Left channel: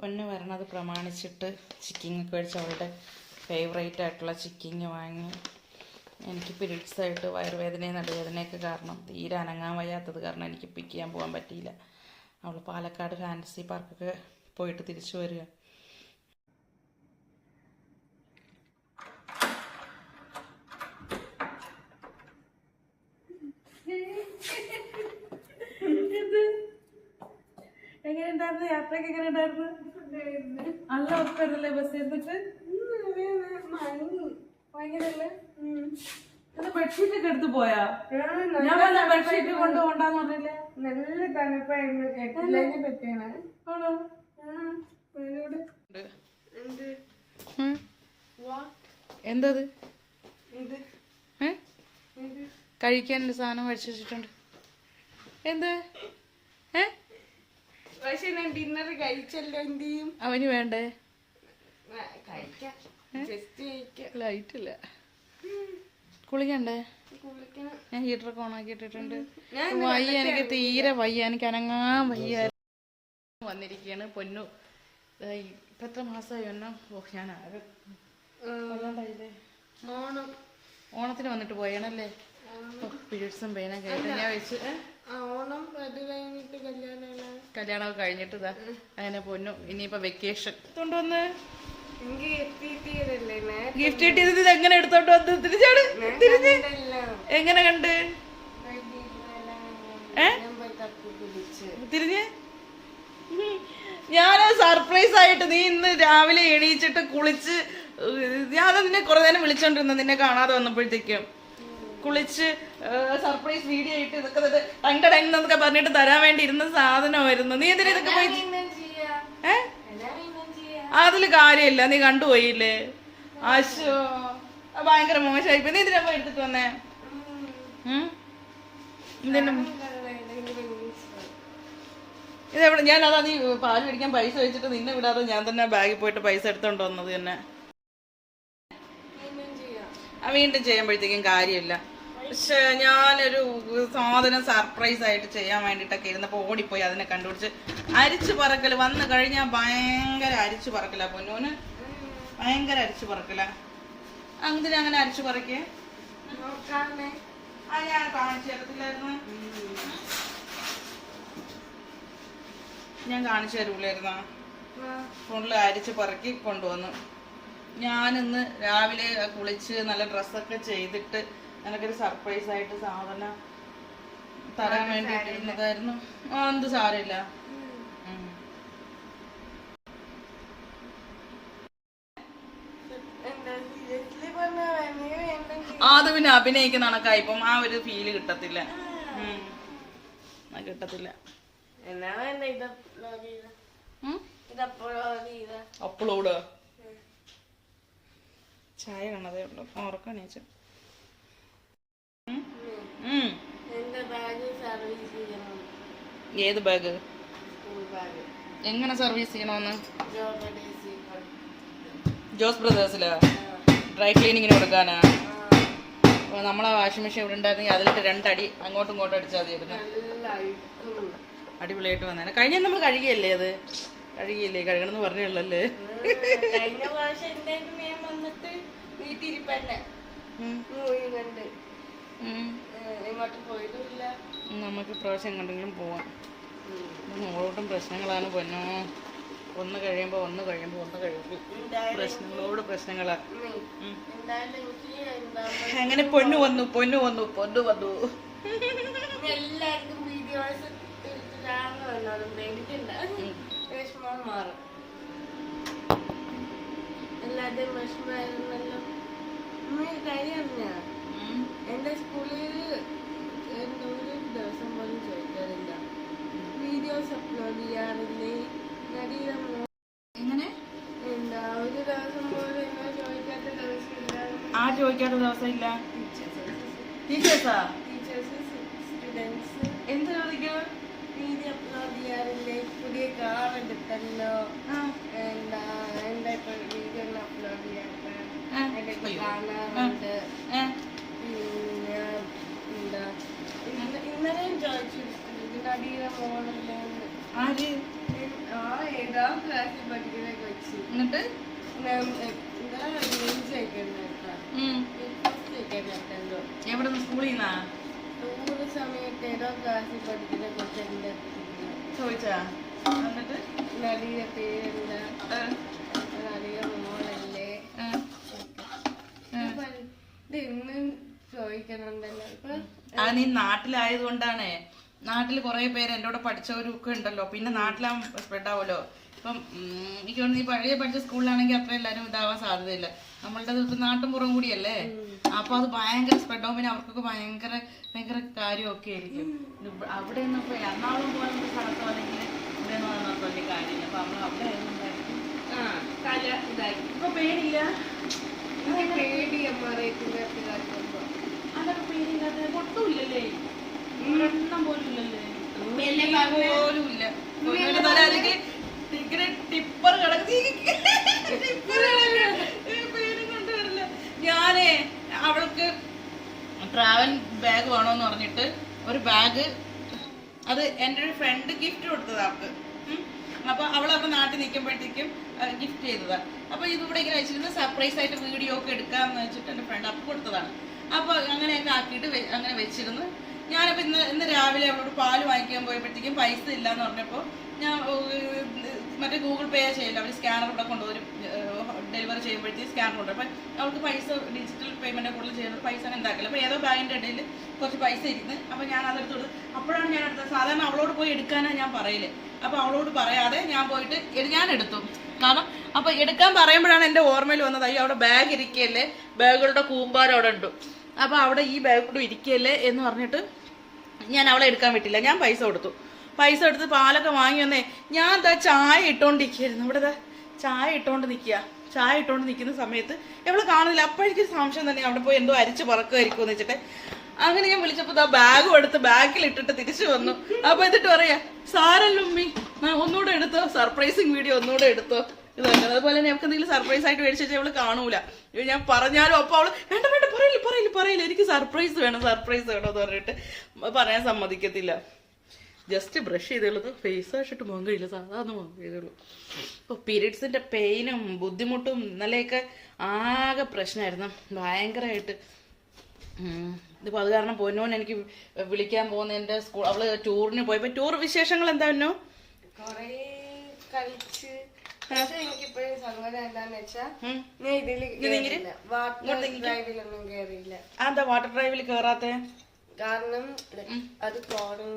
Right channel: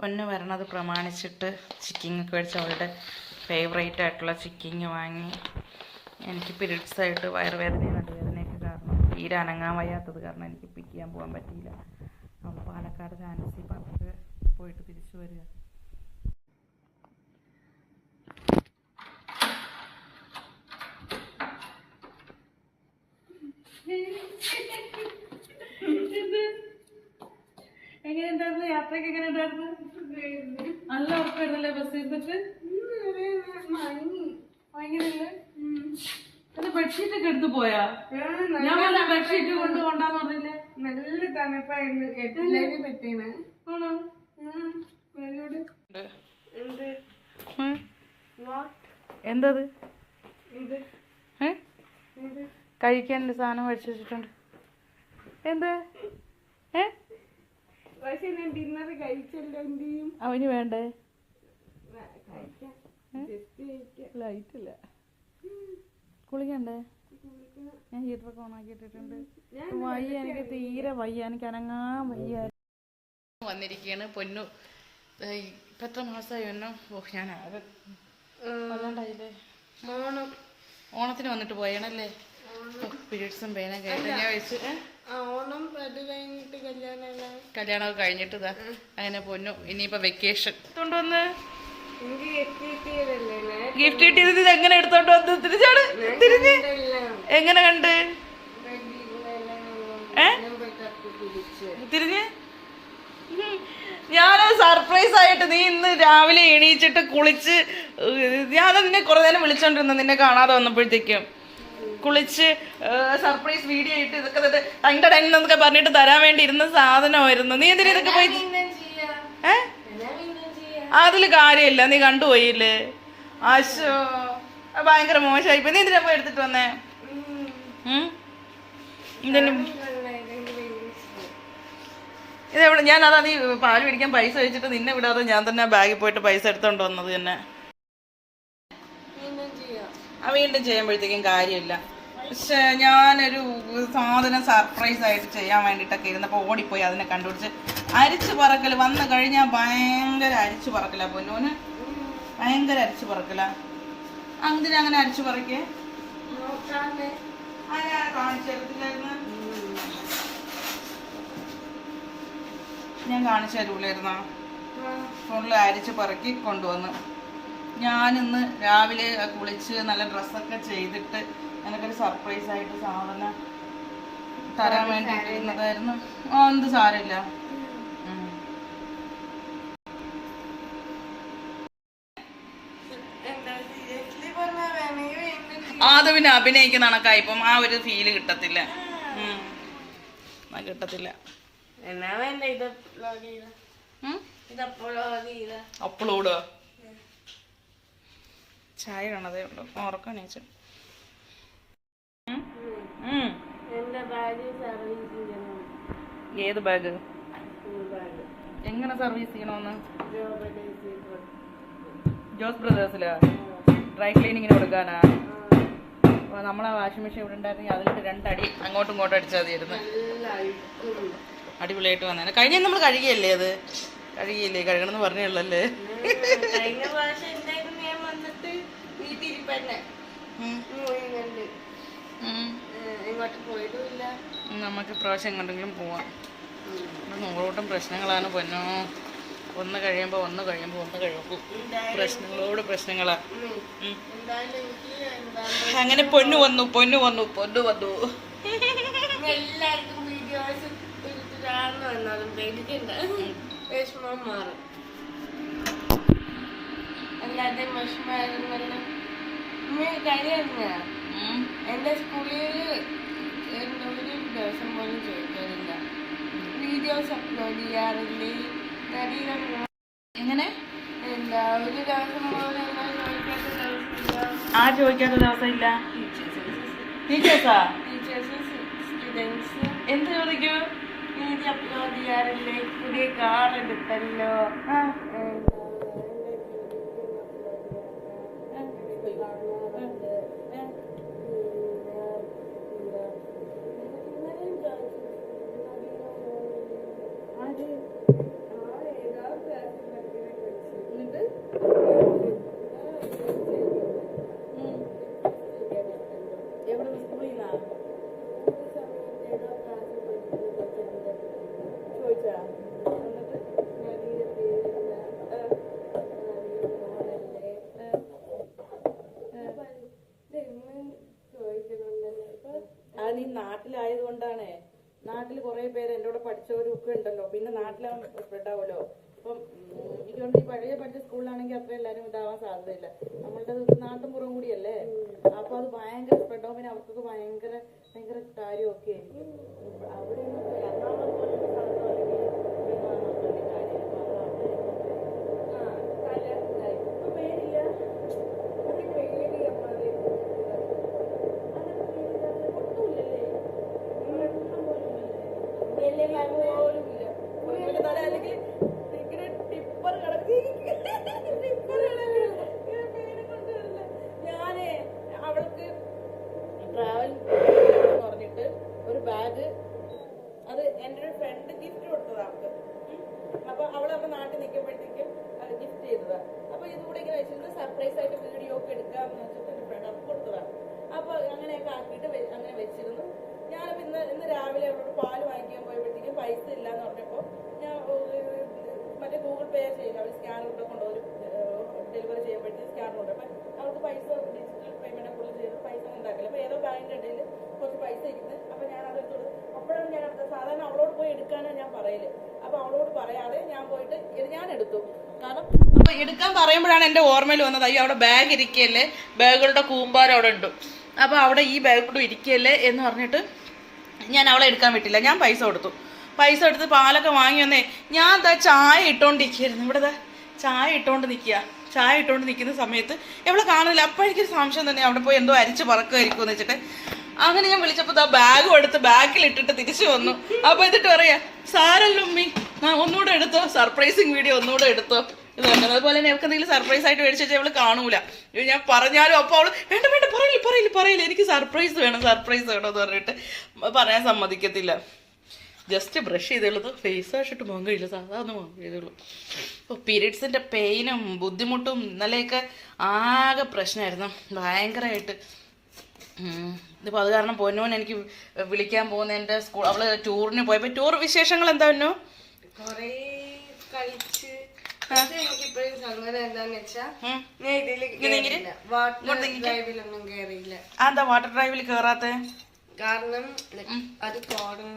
പൊന്ന് വരണത് പ്രമാണിച്ചിട്ട് ചിക്കിങ്ങൊക്കെ മേടിച്ച് അവളുടെ ഫേവറേറ്റ് ആയിട്ടുള്ള ചിക്കിങ് വാങ്ങി. എനിക്ക് പീരീഡ്സ് ആയിട്ട് വയറുവേദനയും നടുവേദനയൊക്കെ കാരണം തീരെ അനങ്ങാൻ വയ്യാത്തത് കാരണം എനിക്ക് പിക്ക് ചെയ്യാൻ പോകാൻ പറ്റിയില്ല. അവൾ പാലക്കാട് ഫാൻസി പാർക്ക് പോയിട്ട് തിരിച്ചു വരിക. എങ്ങനെ ഉണ്ടായിരുന്നു യാത്രയൊക്കെ എങ്ങനെ ഉണ്ടായിരുന്നു നല്ല ഉറപ്പായിരുന്നല്ലേ ബസ് എടുത്തിട്ട്? ഭയങ്കരല്ലേ? ബെഡ്ഷീറ്റ് ഒക്കെ എടുത്ത് പോയാ? ഞാൻ വല്ല ബെഡ്ഷീറ്റ് കൊണ്ട് കൊണ്ടാന്ന് പറഞ്ഞില്ലേ? നല്ല തണുപ്പായിരുന്നു. ആണോ. വാട്ട് എന്തത്? ഇത് ഏ? ഇത് കഴിക്കാനുള്ള സാധനം കഴിച്ചു വെച്ചിട്ടുണ്ട്. എന്ത്? ഏ? പക്ഷെ ഞാൻ ഡിന്നർ കഴിച്ചല്ലോ എന്ത് ചെയ്യും? അവന് വേണ്ടേ? ലൈറ്റ് ഇല്ല. കുളിക്കണ്ടേ? കുളിക്കണം. ഞാൻ ഹീറ്ററൊക്കെ ഓണാക്കി ഇട്ടിട്ടുണ്ട് ഞാൻ വയ്യ എനിക്ക് തീരെ വയ്യ. എനിക്ക് അനങ്ങാൻ വയ്യ. വന്നിരിക്കുകയാണ് പൊന്നു. ഇപ്പൊ എത്ര മാസമായി ഒന്നോ ഓ ഞാൻ ആകെ ഓണം. ഓണത്തിന് വന്നിട്ട് പോയണല്ലേ? പീരീഡ്സും പേനും കേട്ട് ഞാൻ വെച്ച് ഓണം അത് കഴിഞ്ഞിട്ട് കല്യാണം കല്യാണമൊക്കെ കഴിഞ്ഞിട്ട് ഇതാ അങ്ങനെ പൊന്നു. ഇനിയിപ്പോ വെക്കേഷൻ കൊണ്ടുവന്ന് ഗിഫ്റ്റ് കിട്ടിയത് ഇത് എങ്ങനെ എടുത്തോണ്ട് വന്ന്? തിരിച്ചാണ് തിരിഞ്ഞ്. എങ്ങനെ കണ്ട്? ഏ? തിരിഞ്ഞ്? ഞാനത് സർപ്രൈസ് ആയിട്ട് നീ ഇന്ന് രാവിലെ എണീച്ചിട്ട് കുളിച്ച് ഞാൻ നിന്നെ കുറേ നേരം വിളിച്ചോണ്ടിരുന്നു നിന്നെ കാണാതെ വന്നപ്പോഴത്തേക്കും. കുളിച്ച് സർപ്രൈസ് വീഡിയോ ഇട്ട് ഇതൊക്കെ തന്നെ ടൈം എന്നൊക്കെ പറഞ്ഞിട്ട് തരാൻ വേണ്ടി ഇരുന്ന സാധനമായിരുന്നു. നീ എന്തിനാ ഇതൊക്കെ പോയി ഏ? അതിൽ കാര്യമില്ല നീ കണ്ടുപോയില്ലേ? അശോ അത് ഭയങ്കര മോശമായി നീ എന്തിനാ പോയി എടുത്തിട്ട് വന്നേ? ഇതിന്. ഇതെവിടെ ഞാൻ അതാ നീ പാൽ പിടിക്കാൻ പൈസ വെച്ചിട്ട് നിന്നെ വിടാതെ ഞാൻ തന്നെ ബാഗിൽ പോയിട്ട് പൈസ എടുത്തോണ്ട് വന്നത് തന്നെ. വീണ്ടും ചെയ്യുമ്പോഴത്തേക്കും കാര്യമില്ല. പക്ഷെ ഞാനൊരു സാധനം സർപ്രൈസ് ആയിട്ട് ചെയ്യാൻ വേണ്ടിയിട്ടൊക്കെ ഇരുന്നപ്പോൾ ഓടിപ്പോയി അതിനെ കണ്ടുപിടിച്ച് അരിച്ചു പറക്കൽ വന്നു കഴിഞ്ഞാൽ ഭയങ്കര അരിച്ചു പറക്കല പൊന്നൂന് ഭയങ്കര അരിച്ചു പറക്കല. അങ്ങനെ അങ്ങനെ അരിച്ചു പറക്കേ? ഞാൻ കാണിച്ചു തരൂലായിരുന്നോ? ഫുള്ള് അരിച്ച് പറക്കി കൊണ്ടുവന്നു. ഞാനിന്ന് രാവിലെ കുളിച്ച് നല്ല ഡ്രസ്സൊക്കെ ചെയ്തിട്ട് നിനക്കൊരു സർപ്രൈസ് ആയിട്ട് സാധനം തരാൻ വേണ്ടിയിട്ട് ഇരുന്നതായിരുന്നു ആ എന്ത് സാരമില്ല. ആ, അത് പിന്നെ അഭിനയിക്കുന്ന കണക്കായി ഇപ്പം ആ ഒരു ഫീൽ കിട്ടത്തില്ല. കിട്ടത്തില്ല. അപ്ലോഡ് ചെയ്ത ഉം? ഇത് അപ്ലോഡ് ചെയ്ത അപ്ലോഡ് ചായ കാണതേ ഉള്ളൂ ഉറക്കം എണീച്ചു. ഏത് ബാഗ്? എങ്ങനെ സർവീസ് ചെയ്യണമെന്ന്? ജോസ് ബ്രദേഴ്സിലോ? ഡ്രൈ ക്ലീനിങ്ങിന് കൊടുക്കാനാ? അപ്പോൾ നമ്മളെ വാഷിംഗ് മെഷീൻ ഇവിടെ ഉണ്ടായിരുന്നെങ്കിൽ അതിലിട്ട് രണ്ടടി അങ്ങോട്ടും ഇങ്ങോട്ടും അടിച്ചാൽ മതിയായിരുന്നു. അടിപൊളിയായിട്ട് വന്നേനെ. കഴിഞ്ഞ നമ്മൾ കഴുകിയല്ലേ അത്? കഴുകിയില്ലേ? കഴുകണമെന്ന് പറഞ്ഞുള്ളല്ലേ കഴിഞ്ഞ പ്രാവശ്യം എന്തായിരുന്നു ഞാൻ വന്നിട്ട് വീട്ടിരിപ്പന്നെ മൂവി കണ്ട് ഏഹ് എങ്ങോട്ട് പോയതുമില്ല നമുക്ക് ഇപ്രാവശ്യം എങ്ങോട്ടെങ്കിലും പോവാം. നൂറോട്ടും പ്രശ്നങ്ങളാണ് പൊന്നോ. ഒന്ന് കഴിയുമ്പോൾ ഒന്ന് കഴിയുമ്പോൾ ഒന്ന് കഴിയുമ്പോൾ പ്രശ്നങ്ങളോട് പ്രശ്നങ്ങളാ. അങ്ങനെ പൊന്നു വന്നു പൊന്നു വന്നു പൊന്നു വന്നു. എല്ലാവർക്കും വീഡിയോസ് വന്നാലും പേടിക്കണ്ട. വിഷമം മാറും. അല്ലാതെ വിഷമായിരുന്നല്ലോ എന്റെ സ്കൂളിൽ ഒരു ദിവസം പോലും ചോദിക്കാറില്ല. Videos upload ചെയ്യാറില്ലേ? എങ്ങനെ? എന്താ ഒരു ദിവസം പോലും ചോദിക്കാത്ത ദിവസമില്ല. ആ ചോദിക്കാത്ത ദിവസമില്ല? ടീച്ചേഴ്സാ? Teachers students. എന്ത് ചോദിക്കൂ? വീഡിയോ അപ്ലോഡ് ചെയ്യാറില്ലേ? പുതിയ കാർ എടുത്തല്ലോ എന്താ ഇപ്പൊ വീഡിയോ അപ്ലോഡ് ചെയ്യാത്ത ആ. ഇടയ്ക്ക് അയ്യോ. കാണാറുണ്ട് പിന്നെ എന്താ? ഇന്നലെ- ഇന്നലെയും ചോദിച്ചു നടിയുടെ മോളില്ലേ ആര്? ആ ഏതാ ക്ലാസ്സിൽ പഠിക്കുന്ന കൊച്ചി. എന്നിട്ട്. എവിടെ സ്കൂളിൽ നിന്നാ സമയത്ത് ഏതോ ക്ലാസ്സിൽ പഠിക്കുന്ന കൊച്ചിന്റെ ചോദിച്ചാ? എന്നിട്ട് നടിയുടെ പേരില്ല ഏഹ്, നടിയ മോളല്ലേ ഏഹ്, ഇത് ഇന്നും ചോദിക്കുന്നുണ്ടല്ലോ ഇപ്പൊ അത് നീ നാട്ടിലായത് കൊണ്ടാണ് നാട്ടിൽ കുറെ പേര് എന്റെ കൂടെ പഠിച്ചവരും ഒക്കെ ഉണ്ടല്ലോ. പിന്നെ നാട്ടിലാകുമ്പോൾ സ്പ്രെഡ് ആവുമല്ലോ ഇപ്പം എനിക്ക് തോന്നുന്നു ഈ പഴയ പഠിച്ച സ്കൂളിലാണെങ്കിൽ അത്ര എല്ലാവരും ഇതാവാൻ സാധ്യതയില്ല. നമ്മളുടെ നാട്ടും പുറം കൂടിയല്ലേ? അപ്പൊ അത് ഭയങ്കര സ്പ്രെഡ് ആവും. പിന്നെ അവർക്കൊക്കെ ഭയങ്കര ഭയങ്കര കാര്യമൊക്കെ ആയിരിക്കും. അവിടെ ഒന്നും ഇപ്പൊ എറണാകുളം പോലത്തെ സ്ഥലത്തോ അല്ലെങ്കിൽ ഇവിടെ ഒന്നും വലിയ കാര്യമില്ല അപ്പൊ അവിടെ അവിടെ ആയതുകൊണ്ട് ആ തല ഇതായി ഇപ്പൊ പേടിയില്ല എനിക്ക് പേടിയാ മറിയത്തിന്റെ അതൊക്കെ പേടിയില്ലാതെ ഒട്ടുമില്ലല്ലേ ഒരെണ്ണം പോലും ഇല്ലല്ലേ പോലും ഇല്ല ഒരു തല അല്ലെങ്കിൽ ഇങ്ങനെ ടിപ്പർ കിടക്കി ടിപ്പർ ഞാനേ അവൾക്ക് ട്രാവൽ ബാഗ് വേണോന്ന് പറഞ്ഞിട്ട് ഒരു ബാഗ് അത് എന്റെ ഒരു ഫ്രണ്ട് ഗിഫ്റ്റ് കൊടുത്തതാ അവൾക്ക് ഉം. അപ്പൊ അവൾ അവിടെ നാട്ടിൽ നിൽക്കുമ്പോഴത്തേക്കും ഗിഫ്റ്റ് ചെയ്തതാ അപ്പൊ ഇതിവിടെ ഇങ്ങനെ വെച്ചിരുന്ന് സർപ്രൈസ് ആയിട്ട് വീഡിയോ ഒക്കെ എടുക്കാന്ന് വെച്ചിട്ട് എന്റെ ഫ്രണ്ട് അപ്പൊ കൊടുത്തതാണ് അപ്പൊ അങ്ങനെയൊക്കെ ആക്കിയിട്ട് വെ- അങ്ങനെ വെച്ചിരുന്നു ഞാനപ്പോ ഇന്ന് ഇന്ന് രാവിലെ അവളോട് പാൽ വാങ്ങിക്കാൻ പോയപ്പോഴത്തേക്കും പൈസ ഇല്ലാന്ന് പറഞ്ഞപ്പോ ഞാൻ ഏർ, മറ്റേ ഗൂഗിൾ പേ ഇവിടെ കൊണ്ടുവരും ഡെലിവറി ചെയ്യുമ്പോഴത്തേക്ക് സ്കാൻ കൊണ്ടുവരും. അപ്പം അവർക്ക് പൈസ ഡിജിറ്റൽ പേയ്മെന്റ് കൂടുതൽ ചെയ്യുന്നത് പൈസ ഉണ്ടാക്കില്ല. അപ്പോൾ ഏതോ ബാങ്കിന്റെ ഇടയിൽ കുറച്ച് പൈസ ഇരുന്ന് അപ്പോൾ ഞാൻ അതെടുത്ത് കൊടുത്ത് അപ്പോഴാണ് ഞാൻ എടുത്തത്. സാധാരണ അവളോട് പോയി എടുക്കാനാണ് ഞാൻ പറയൽ. അപ്പോൾ അവളോട് പറയാതെ ഞാൻ പോയിട്ട് ഞാൻ എടുത്തു. കാരണം അപ്പോൾ എടുക്കാൻ പറയുമ്പോഴാണ് എന്റെ ഓർമ്മയിൽ വന്നത് അയ്യോ അവിടെ ബാഗ് ഇരിക്കുകയല്ലേ ബാഗുകളുടെ കൂമ്പാരം അവിടെ ഉണ്ട്. അപ്പോൾ അവിടെ ഈ ബാഗ് കൂടെ ഇരിക്കുകയല്ലേ എന്ന് പറഞ്ഞിട്ട് ഞാൻ അവളെ എടുക്കാൻ വിട്ടില്ല. ഞാൻ പൈസ കൊടുത്തു. പൈസ എടുത്ത് പാലൊക്കെ വാങ്ങി വന്നേ ഞാൻ എന്താ ചായ ഇട്ടോണ്ടിരിക്കുകയായിരുന്നു. ഇവിടെ ചായ ഇട്ടുകൊണ്ട് നിൽക്കുക ചായ ഇട്ടുകൊണ്ട് നിൽക്കുന്ന സമയത്ത് എവിടെ കാണില്ല അപ്പോഴേക്കും സംശയം തന്നെ അവിടെ പോയി എന്തോ അരിച്ച് പറക്കുമായിരിക്കും എന്ന് വെച്ചിട്ട്. അങ്ങനെ ഞാൻ വിളിച്ചപ്പോൾ ദാ ബാഗും എടുത്ത് ബാഗിൽ ഇട്ടിട്ട് തിരിച്ചു വന്നു. അപ്പോൾ എന്നിട്ട് പറയാ സാരല്ല ഉമ്മി ആ ഒന്നുകൂടെ എടുത്തോ. സർപ്രൈസിങ് വീഡിയോ ഒന്നുകൂടെ എടുത്തോ. ഇത് തന്നെ അതുപോലെ തന്നെ എന്തെങ്കിലും സർപ്രൈസ് ആയിട്ട് മേടിച്ചു വെച്ചാൽ അവൾ കാണൂല. ഞാൻ പറഞ്ഞാലും അപ്പോൾ അവൾ വേണ്ട വേണ്ട പറയില്ല പറയില്ല പറയില്ല എനിക്ക് സർപ്രൈസ് വേണം സർപ്രൈസ് വേണം എന്ന് പറഞ്ഞിട്ട് പറയാൻ സമ്മതിക്കത്തില്ല. ജസ്റ്റ് ബ്രഷ് ചെയ്തുള്ളത് ഫേസ് വാഷിട്ട് മുഖം കഴിയില്ല. സാധാരണ മുഖം കഴിയുള്ളൂ. അപ്പോൾ പീരീഡ്സിന്റെ പെയിനും ബുദ്ധിമുട്ടും ഇന്നലെയൊക്കെ ആകെ പ്രശ്നമായിരുന്നു. ഭയങ്കരമായിട്ട്. ഇതിപ്പോൾ അത് കാരണം പൊന്നോൻ എനിക്ക് വിളിക്കാൻ പോകുന്ന എന്റെ സ്കൂൾ അവൾ ടൂറിന് പോയപ്പോൾ ടൂർ വിശേഷങ്ങൾ എന്താ പൊന്നോ? കൊറേ സങ്കടം എന്താന്ന് വെച്ചാ ഞാൻ വാട്ടർ ഡ്രൈവിലൊന്നും കേറിയില്ല. അതാ വാട്ടർ ഡ്രൈവിൽ കയറാത്തെ കാരണം അത് കോടൻ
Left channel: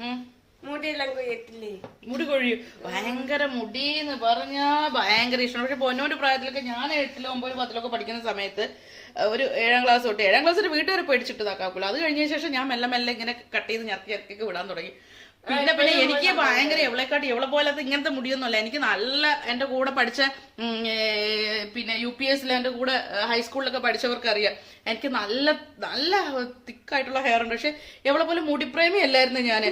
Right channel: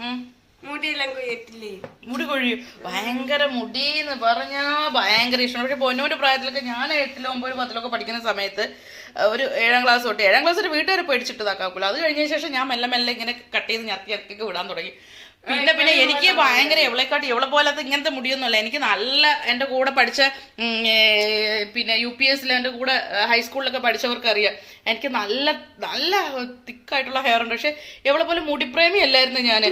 ഉം. മുടിയെല്ലാം കൊയ്യത്തില്ലേ മുടി കൊഴിയും. ഭയങ്കര മുടി എന്ന് പറഞ്ഞാ ഭയങ്കര ഇഷ്ടം പക്ഷെ പൊന്നോന്റെ പ്രായത്തിലൊക്കെ ഞാൻ എട്ടിലോ ഒമ്പത് പത്തിലൊക്കെ പഠിക്കുന്ന സമയത്ത് ഒരു ഏഴാം ക്ലാസ് തൊട്ട് ഏഴാം ക്ലാസ് ഒരു വീട്ടുകാരെ പേടിച്ചിട്ട് ഇതാക്കാക്കൂല അത് കഴിഞ്ഞ ശേഷം ഞാൻ മെല്ലെ മെല്ലെ ഇങ്ങനെ കട്ട് ചെയ്ത് ഞർത്തി ഇറക്കി വിടാൻ തുടങ്ങി. പിന്നെ പിന്നെ എനിക്ക് ഭയങ്കര എവളെക്കാട്ടി എവളെ പോലത്തെ ഇങ്ങനത്തെ മുടിയൊന്നുമല്ല. എനിക്ക് നല്ല എന്റെ കൂടെ പഠിച്ച പിന്നെ യു പി എസിൽ എന്റെ കൂടെ ഹൈസ്കൂളിലൊക്കെ പഠിച്ചവർക്ക് അറിയാം എനിക്ക് നല്ല നല്ല തിക്കായിട്ടുള്ള ഹെയർ ഉണ്ട്. പക്ഷെ എവളെ പോലെ മുടിപ്രേമി അല്ലായിരുന്നു ഞാൻ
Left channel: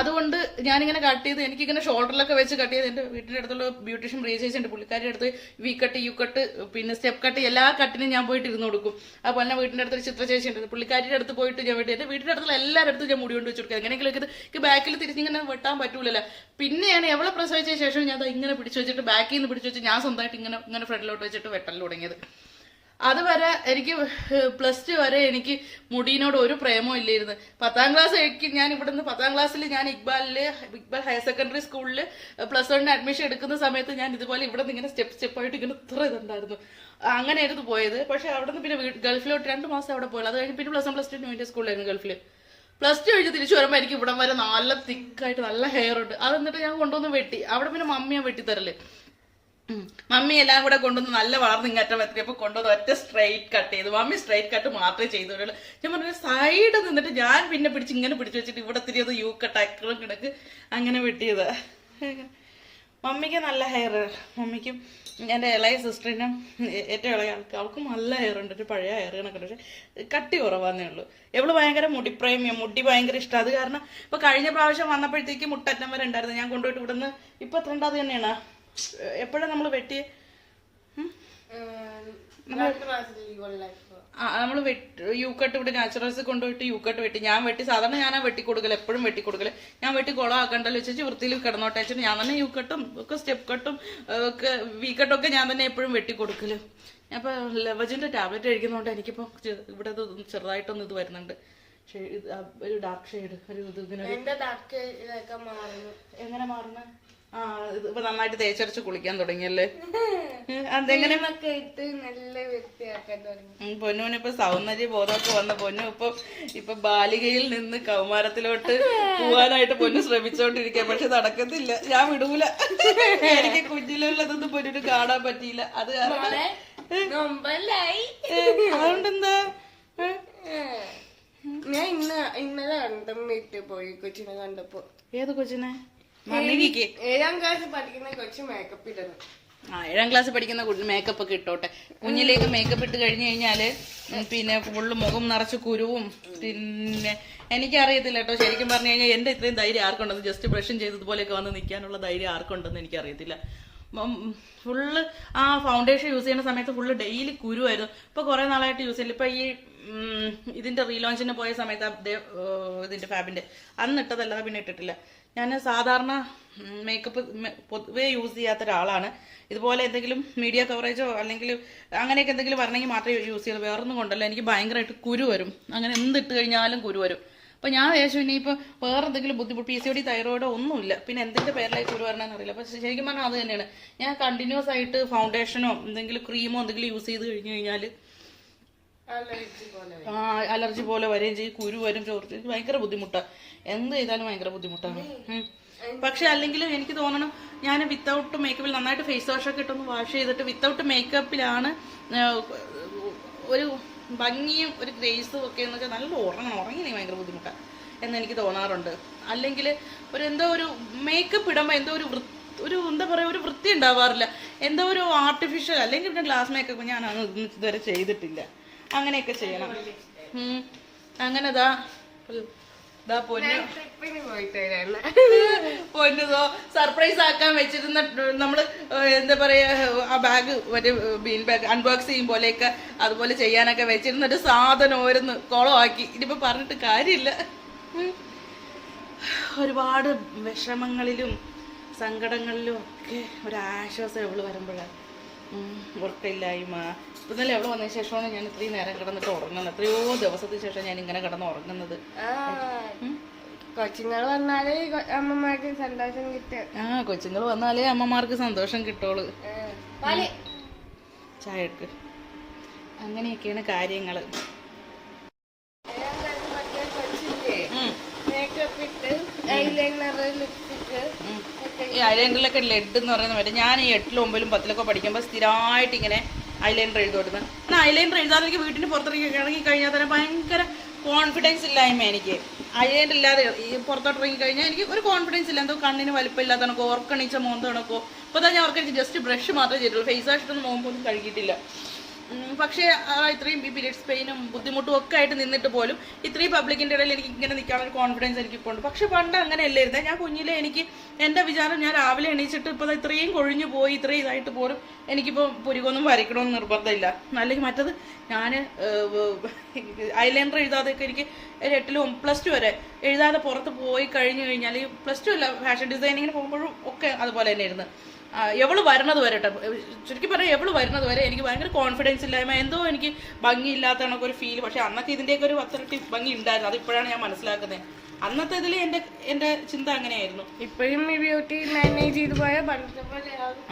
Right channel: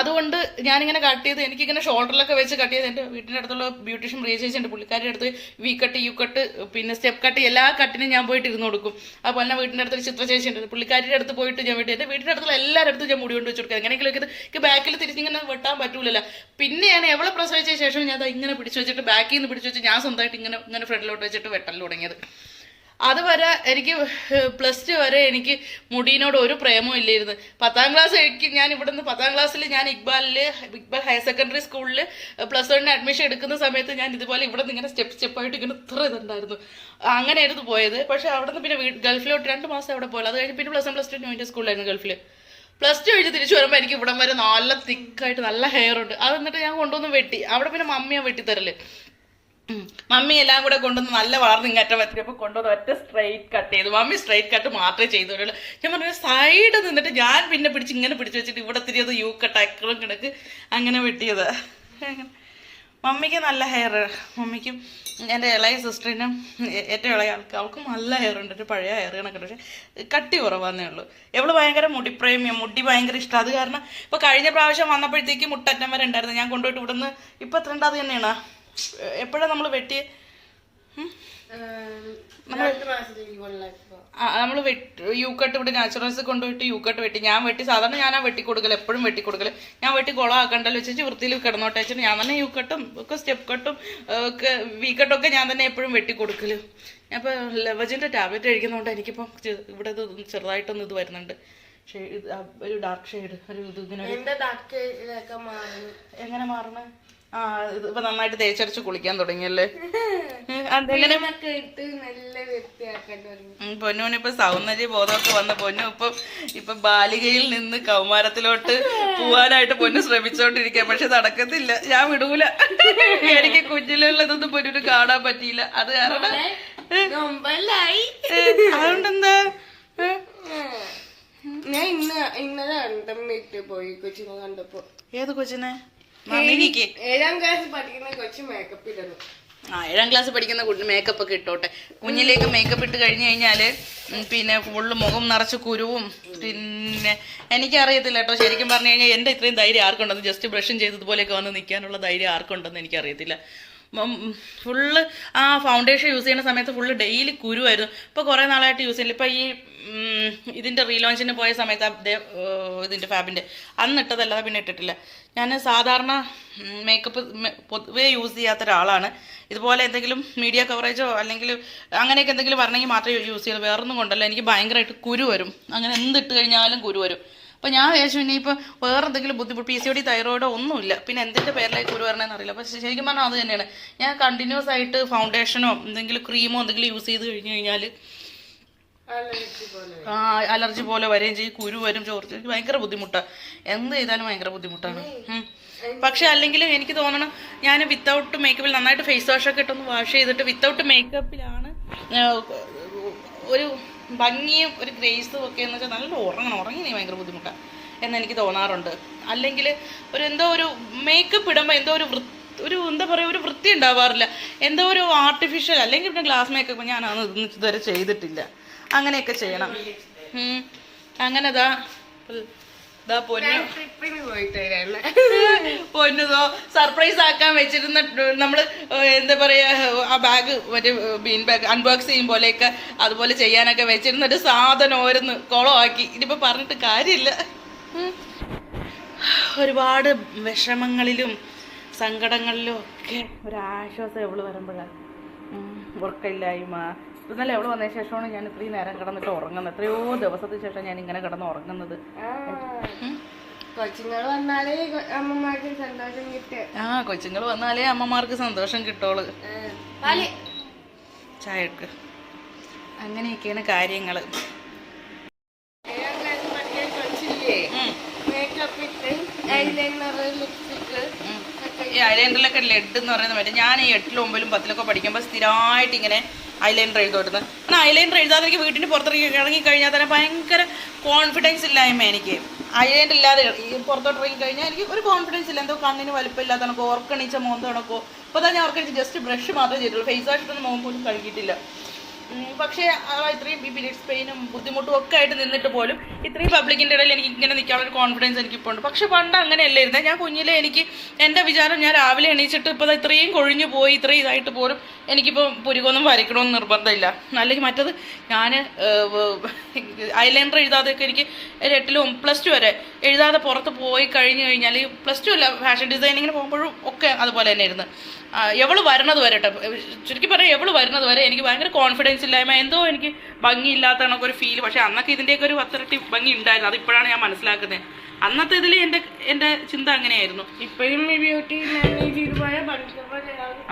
അതുകൊണ്ട് ഞാനിങ്ങനെ കട്ട് ചെയ്ത് എനിക്കിങ്ങനെ ഷോൾഡറിലൊക്കെ വെച്ച് കട്ട് ചെയ്ത് എന്റെ വീട്ടിന്റെ അടുത്തുള്ള ബ്യൂട്ടീഷ്യൻ റീചേച്ചിന്റെ പുള്ളിക്കാരുടെ അടുത്ത് വി കട്ട് യു കട്ട് പിന്നെ സ്റ്റെപ്പ് കട്ട് എല്ലാ കട്ടിനും ഞാൻ പോയിട്ട് ഇരുന്ന് കൊടുക്കും. അപ്പോൾ എന്നെ വീട്ടിന്റെ അടുത്തൊരു ചിത്ര ചേച്ചി ഉണ്ട് പുള്ളിക്കാരിയുടെ അടുത്ത് പോയിട്ട് ഞാൻ വീട്ടിൽ എന്റെ വീട്ടിന്റെ അടുത്തുള്ള എല്ലാവരുടെ അടുത്തും ഞാൻ മുടി കൊണ്ട് വെച്ച് കൊടുക്കുക എങ്ങനെയെങ്കിലും ഇത് ബാക്കിൽ തിരിച്ചിങ്ങനെ വെട്ടാൻ പറ്റൂലല്ലോ. പിന്നെയാണ് എവളെ പ്രസവിച്ച ശേഷം ഞാൻ ഇങ്ങനെ പിടിച്ചു വെച്ചിട്ട് ബാക്കിൽ നിന്ന് പിടിച്ചു വെച്ച് ഞാൻ സ്വന്തമായിട്ട് ഇങ്ങനെ ഇങ്ങനെ ഫ്രണ്ടിലോട്ട് വെച്ചിട്ട് വെട്ടൽ തുടങ്ങിയത്. അതുവരെ എനിക്ക് പ്ലസ് ടു വരെ എനിക്ക് മുടിയിനോട് ഒരു പ്രേമവും ഇല്ലായിരുന്നു. പത്താം ക്ലാസ് എനിക്ക് ഞാൻ ഇവിടുന്ന് പത്താം ക്ലാസ്സിൽ ഞാൻ ഇക്ബാലിൽ ഇക്ബാൽ ഹയർ സെക്കൻഡറി സ്കൂളിൽ പ്ലസ് വണ്ണിന് അഡ്മിഷൻ എടുക്കുന്ന സമയത്ത് ഞാൻ ഇതുപോലെ ഇവിടെ നിന്ന് ഇങ്ങനെ സ്റ്റെപ്പ് സ്റ്റെപ്പായിട്ട് ഇങ്ങനെ ഇത്ര ഇതുണ്ടായിരുന്നു. അങ്ങനെയായിരുന്നു പോയത്. പക്ഷേ അവിടെ നിന്ന് പിന്നെ ഗൾഫിലോട്ട് രണ്ട് മാസം അവിടെ പോയത് അത് കഴിഞ്ഞ് പിന്നെ പ്ലസ് വൺ പ്ലസ് ടു ന്യൂന്റെ സ്കൂളിലായിരുന്നു ഗൾഫിൽ പ്ലസ് ടു കഴിഞ്ഞ് തിരിച്ചു വരുമ്പോൾ എനിക്ക് ഇവിടം വരെ നല്ല തിക്കായിട്ട് നല്ല ഹെയർ ഉണ്ട്. അത് എന്നിട്ട് ഞാൻ കൊണ്ടുവന്ന് വെട്ടി. അവിടെ പിന്നെ മമ്മിയെ വെട്ടിത്തരൽ. തരൽ മമ്മി എല്ലാം കൂടെ കൊണ്ടുവന്ന് നല്ല വളർന്ന് അറ്റം വെത്തിയപ്പോൾ കൊണ്ടുവന്ന് ഒറ്റ സ്ട്രൈറ്റ് കട്ട് ചെയ്തു. മമ്മി സ്ട്രൈറ്റ് കട്ട് മാത്രമേ ചെയ്തുള്ളൂ ഞാൻ പറഞ്ഞു സൈഡ് നിന്നിട്ട് ഞാൻ പിന്നെ പിടിച്ച് ഇങ്ങനെ പിടിച്ച് വെച്ചിട്ട് ഇവിടെ തിരിയത് യു കട്ട് അക്രം കിടക്ക്. അങ്ങനെ വെട്ടിയത്. മമ്മിക്ക് നല്ല ഹെയർ മമ്മിക്കും എന്റെ ഇളയ സിസ്റ്ററിനും ഏറ്റവും ഇളയ ആൾക്ക് അവൾക്കും നല്ല ഹെയർ ഉണ്ട് ഒരു പഴയ ഹെയർ കണക്കുണ്ട്. പക്ഷേ കട്ടി കുറവാന്നേ ഉള്ളൂ. എവൾ ഭയങ്കര മുടി മുടിപ്രേമിയ മുടി ഭയങ്കര ഇഷ്ടം. അത് കാരണം ഇപ്പൊ കഴിഞ്ഞ പ്രാവശ്യം വന്നപ്പോഴത്തേക്ക് മുട്ടറ്റം വരെ ഉണ്ടായിരുന്നു. ഞാൻ കൊണ്ടുപോയിട്ട് ഇവിടുന്ന് ഇപ്പൊ എത്ര ഉണ്ട് അത് തന്നെയാണ്? എപ്പോഴാണ് നമ്മൾ വെട്ടി നമ്മൾ യു കട്ട് ഇവിടെ നാച്ചുറൽസ് കൊണ്ടുപോയിട്ട് യു കട്ട് വെട്ടി. ഞാൻ വെട്ടി സാധാരണ ഞാനാ വെട്ടി കൊടുക്കൽ എപ്പോഴും വെട്ടി കൊടുക്കൽ ഞാൻ വെട്ടി കുളമാക്കണ്ടല്ലോ വെച്ചിട്ട് വൃത്തിയിൽ കിടന്നോട്ടെ വെച്ചിട്ട് ഞാൻ തന്നെ യു കട്ടും ഒക്കെ സ്റ്റെപ്പ് കട്ടും ഒക്കെ വി കട്ടൊക്കെ ഞാൻ തന്നെ എപ്പോഴും വെട്ടി ഞാൻ ഇപ്പോൾ ലെവജിന്റെ ടാബ്ലറ്റ് കഴിക്കുന്നതുകൊണ്ട് എനിക്കിപ്പോ ഇവിടെ ചെറുതായിട്ടൊന്നും ഇത് വരുന്നുണ്ട്. ഒരു ഡാർക്ക് ഷെയ്ഡ് ഒരു ഇത് ഇങ്ങനെ എങ്ങനെ മാറണേ ആ ഇപ്പൊ നന്നായിട്ട് തേച്ചരച്ച് കുളിക്കാൻ തുടങ്ങിയല്ലേ? അതെങ്ങനെ ഉം, ഇപ്പൊ സൗന്ദര്യ ബോധമൊക്കെ വന്ന പൊന്നു ഇപ്പൊ ഇപ്പൊ ബാലികയിൽ നിന്ന് കൗമാരത്തിലോട്ട് പോവാനായിട്ട് പൊന്നു ശ്രമിച്ചോണ്ടിരിക്കുക പക്ഷെ നടക്കത്തില്ല. ഞാൻ വിടൂല. എനിക്ക് കുഞ്ഞിലുള്ളതൊന്നും പൊന്നിന് കാണാൻ പറ്റിയില്ല. അത് കാരണം അതുകൊണ്ടെന്താ? ഞാൻ ഇന്ന് ഇന്നലെ കണ്ടം വീട്ടിൽ പോയി കൊച്ചിനെ കണ്ടപ്പോ. ഏത് കൊച്ചിനെ? ഏഴാം ക്ലാസ് പഠിക്കുന്ന കൊച്ചു മേക്കപ്പ് ഇടുന്നു ആ ഏഴാം ക്ലാസ് പഠിക്കുന്ന മേക്കപ്പ് ഒക്കെ ഇട്ടോട്ടെ. കുഞ്ഞിലേക്ക് മേക്കപ്പ് ഇട്ട് കഴിഞ്ഞു കഴിഞ്ഞാൽ പിന്നെ ഫുള്ള് മുഖം നിറച്ച് കുരുവും പിന്നെ എനിക്കറിയത്തില്ല കേട്ടോ ശരിക്കും പറഞ്ഞു കഴിഞ്ഞാൽ എന്റെ ഇത്രയും ധൈര്യം ആർക്കുണ്ടെന്ന്. ജസ്റ്റ് ബ്രഷും ചെയ്തതുപോലെയൊക്കെ വന്ന് നിൽക്കാനുള്ള ധൈര്യം ആർക്കുണ്ടെന്ന് എനിക്കറിയത്തില്ല. ഫുള്ള് ആ ഫൗണ്ടേഷൻ യൂസ് ചെയ്യുന്ന സമയത്ത് ഫുള്ള് ഡെയിലി കുരുവായിരുന്നു. ഇപ്പോൾ കുറേ നാളായിട്ട് യൂസ് ചെയ്യില്ല ഇപ്പോൾ ഈ ഇതിന്റെ റീലോഞ്ചിന് പോയ സമയത്ത് ഇതിന്റെ ഫാബിന്റെ അന്ന് ഇട്ടതല്ലാതെ പിന്നെ ഇട്ടിട്ടില്ല. ഞാൻ സാധാരണ മേക്കപ്പ് പൊതുവേ യൂസ് ചെയ്യാത്ത ഒരാളാണ്. ഇതുപോലെ എന്തെങ്കിലും മീഡിയ കവറേജോ അല്ലെങ്കിൽ അങ്ങനെയൊക്കെ എന്തെങ്കിലും വരണമെങ്കിൽ മാത്രമേ യൂസ് ചെയ്യുള്ളൂ. വേറൊന്നും കൊണ്ടല്ല. എനിക്ക് ഭയങ്കരമായിട്ട് കുരു വരും. അങ്ങനെ എന്തിട്ട് കഴിഞ്ഞാലും കുരു വരും. അപ്പോൾ ഞാൻ വിചാരിച്ചു ഇനിയിപ്പോൾ വേറെ എന്തെങ്കിലും ബുദ്ധിമുട്ട് പി സി ഒ ഡി തൈറോയിഡോ ഒന്നുമില്ല. പിന്നെ എന്തിന്റെ പേരിലേക്ക് ഒരു വരണമെന്ന് അറിയില്ല. പക്ഷേ ശരിക്കും പറഞ്ഞാൽ അത് തന്നെയാണ്. ഞാൻ കണ്ടിന്യൂസ് ആയിട്ട് ഫൗണ്ടേഷനോ എന്തെങ്കിലും ക്രീമോ എന്തെങ്കിലും യൂസ് ചെയ്ത് കഴിഞ്ഞു കഴിഞ്ഞാൽ അലർജി പോലെ ആ അലർജി പോലെ വരെയും ചെയ്യും. കുരു വരും ചോർച്ച ഭയങ്കര ബുദ്ധിമുട്ടാണ് എന്ത് ചെയ്താലും ഭയങ്കര ബുദ്ധിമുട്ടാണ്. പക്ഷെ അല്ലെങ്കിൽ എനിക്ക് തോന്നണം ഞാൻ വിത്തൗട്ട് മേക്കപ്പിൽ നന്നായിട്ട് ഫേസ് വാഷൊക്കെ ഒക്കെ ഇട്ടൊന്ന് വാഷ് ചെയ്തിട്ട് വിത്തൗട്ട് മേക്കപ്പിലാണ് ഒരു ഭംഗിയും ഒരു ഗ്രേസും ഒക്കെ എന്ന് വെച്ചാൽ നല്ല ഉറങ്ങണം. ഉറങ്ങി ഭയങ്കര ബുദ്ധിമുട്ടാണ് എന്ന് എനിക്ക് തോന്നാറുണ്ട്. അല്ലെങ്കിൽ ഒരു എന്തോ ഒരു മേക്കപ്പ് ഇടുമ്പോൾ എന്തോ ഒരു വൃത്തി ഒരു എന്താ പറയുക ഒരു വൃത്തി ഉണ്ടാവാറില്ല. എന്തോ ഒരു ആർട്ടിഫിഷ്യൽ അല്ലെങ്കിൽ പിന്നെ ഗ്ലാസ് മേക്കപ്പ് ഞാൻ അതൊന്നും ഇതുവരെ ചെയ്തിട്ടില്ല. അങ്ങനെയൊക്കെ ചെയ്യണം. അങ്ങനെതാ അങ്ങനെ പൊന്നു. ട്രിപ്പിന് പൊന്നുതോ സർപ്രൈസ് ആക്കാൻ വെച്ചിരുന്ന നമ്മൾ എന്താ പറയാ ആ ബാഗ് മറ്റേ ബീൻ ബാഗ് അൺബോക്സ് ചെയ്യും പോലെയൊക്കെ അതുപോലെ ചെയ്യാനൊക്കെ വെച്ചിരുന്ന ഒരു സാധനം ഓരോന്ന് കുളമാക്കി ഇനിയിപ്പോ പറഞ്ഞിട്ട് കാര്യമില്ല. ഒരുപാട് വിഷമങ്ങളിലും സങ്കടങ്ങളിലും ഒക്കെ ഒരാശ്വാസം എവൾ വരുമ്പോഴാണ് ഉറക്കമില്ലായ്മ. ഇന്നലെ എവിടെ വന്നതിന് ശേഷമാണ് ഞാൻ ഇത്രയും നേരം കിടന്നിട്ട് ഉറങ്ങുന്നത്. എത്രയോ ദിവസത്തിന് ശേഷം ഞാൻ ഇങ്ങനെ കിടന്ന് ഉറങ്ങുന്നത്. കൊച്ചുങ്ങൾ വന്നാലേ അമ്മമാർക്ക് സന്തോഷം കിട്ടും. ആ കൊച്ചുങ്ങൾ വന്നാലേ അമ്മമാർക്ക് സന്തോഷം കിട്ടോൾ ചായ എടുക്ക് അങ്ങനെയൊക്കെയാണ് കാര്യങ്ങൾ ലിപ്സ്റ്റിക്ക് ഈ ഐലൈനറിലൊക്കെ ലെഡ് എന്ന് പറയുന്ന മറ്റേ ഞാൻ ഈ എട്ടിലും ഒമ്പതിലും പത്തിലൊക്കെ പഠിക്കുമ്പോൾ സ്ഥിരമായിട്ട് ഇങ്ങനെ ഐലൈനർ എഴുതുമായിരുന്നു. എന്നാൽ ഐലൈനർ എഴുതാതെ എനിക്ക് വീട്ടിന് പുറത്തിറങ്ങി ഇറങ്ങി കഴിഞ്ഞാൽ തന്നെ ഭയങ്കര കോൺഫിഡൻസ് ഇല്ലായ്മ എനിക്ക്. ഐലൈനർ ഇല്ലാതെ ഈ പുറത്തോട്ട് ഇറങ്ങി കഴിഞ്ഞാൽ എനിക്ക് ഒരു കോൺഫിഡൻസ് ഇല്ല. എന്തോ കണ്ണിന് വലിപ്പമില്ലാത്ത കണക്കോ ഓർക്കണിച്ച മോന്ത കണക്കോ. ഇപ്പോൾ തന്നെ ഓർക്കണിച്ച് ജസ്റ്റ് ബ്രഷ് മാത്രമേ ചെയ്തിട്ടുള്ളൂ. ഫേസ് വാഷത്തിന് മോൻ പോലും കഴുകിയിട്ടില്ല. പക്ഷേ ആ ഇത്രയും പിരീഡ്സ് പെയിനും ബുദ്ധിമുട്ടും ഒക്കെ ആയിട്ട് നിന്നിട്ട് പോലും ഇത്രയും പബ്ലിക്കിന്റെ ഇടയിൽ എനിക്ക് ഇങ്ങനെ നിൽക്കാനുള്ള കോൺഫിഡൻസ് എനിക്ക് ഇപ്പോൾ ഉണ്ട്. പക്ഷെ പണ്ട് അങ്ങനെയല്ലേ ഇരുന്നത് ഞാൻ കുഞ്ഞിലെ എനിക്ക് എന്റെ വിചാരം ഞാൻ രാവിലെ എണീച്ചിട്ട് ഇപ്പോൾ ഇത്രയും കൊഴിഞ്ഞു പോയി ഇത്രയും ഇതായിട്ട് പോലും എനിക്കിപ്പോൾ പുരുകൊന്നും വരയ്ക്കണമെന്ന് നിർബന്ധമില്ല. അല്ലെങ്കിൽ മറ്റത് ഞാൻ ഐലൈനർ എഴുതാതെയൊക്കെ എനിക്ക് എട്ടിലും പ്ലസ് ടു വരെ എഴുതാതെ പുറത്ത് പോയി കഴിഞ്ഞ് കഴിഞ്ഞാൽ പ്ലസ് ടു അല്ല ഫാഷൻ ഡിസൈനിങ്ങിന് പോകുമ്പോഴും ഒക്കെ അതുപോലെ തന്നെ ഇരുന്ന് എവൾ വരണത് വരെ കേട്ടോ ചുരുക്കി പറയാം എവൾ വരുന്നത് വരെ എനിക്ക് ഭയങ്കര കോൺഫിഡൻസ് ഇല്ലായ്മ എന്തോ എനിക്ക് ഭംഗിയില്ലാത്ത കണക്കൊരു ഫീൽ പക്ഷെ അന്നൊക്കെ ഇതിന്റെയൊക്കെ ഒരു പത്തിരട്ടി ഭംഗി ഉണ്ടായിരുന്നു. അതിപ്പോഴാണ് ഞാൻ മനസ്സിലാക്കുന്നത് അന്നത്തെ ഇതിൽ എന്റെ എന്റെ ചിന്ത അങ്ങനെയായിരുന്നു. ഇപ്പോഴും ഈ ബ്യൂട്ടി മാനേജ് ചെയ്ത് പോയാൽ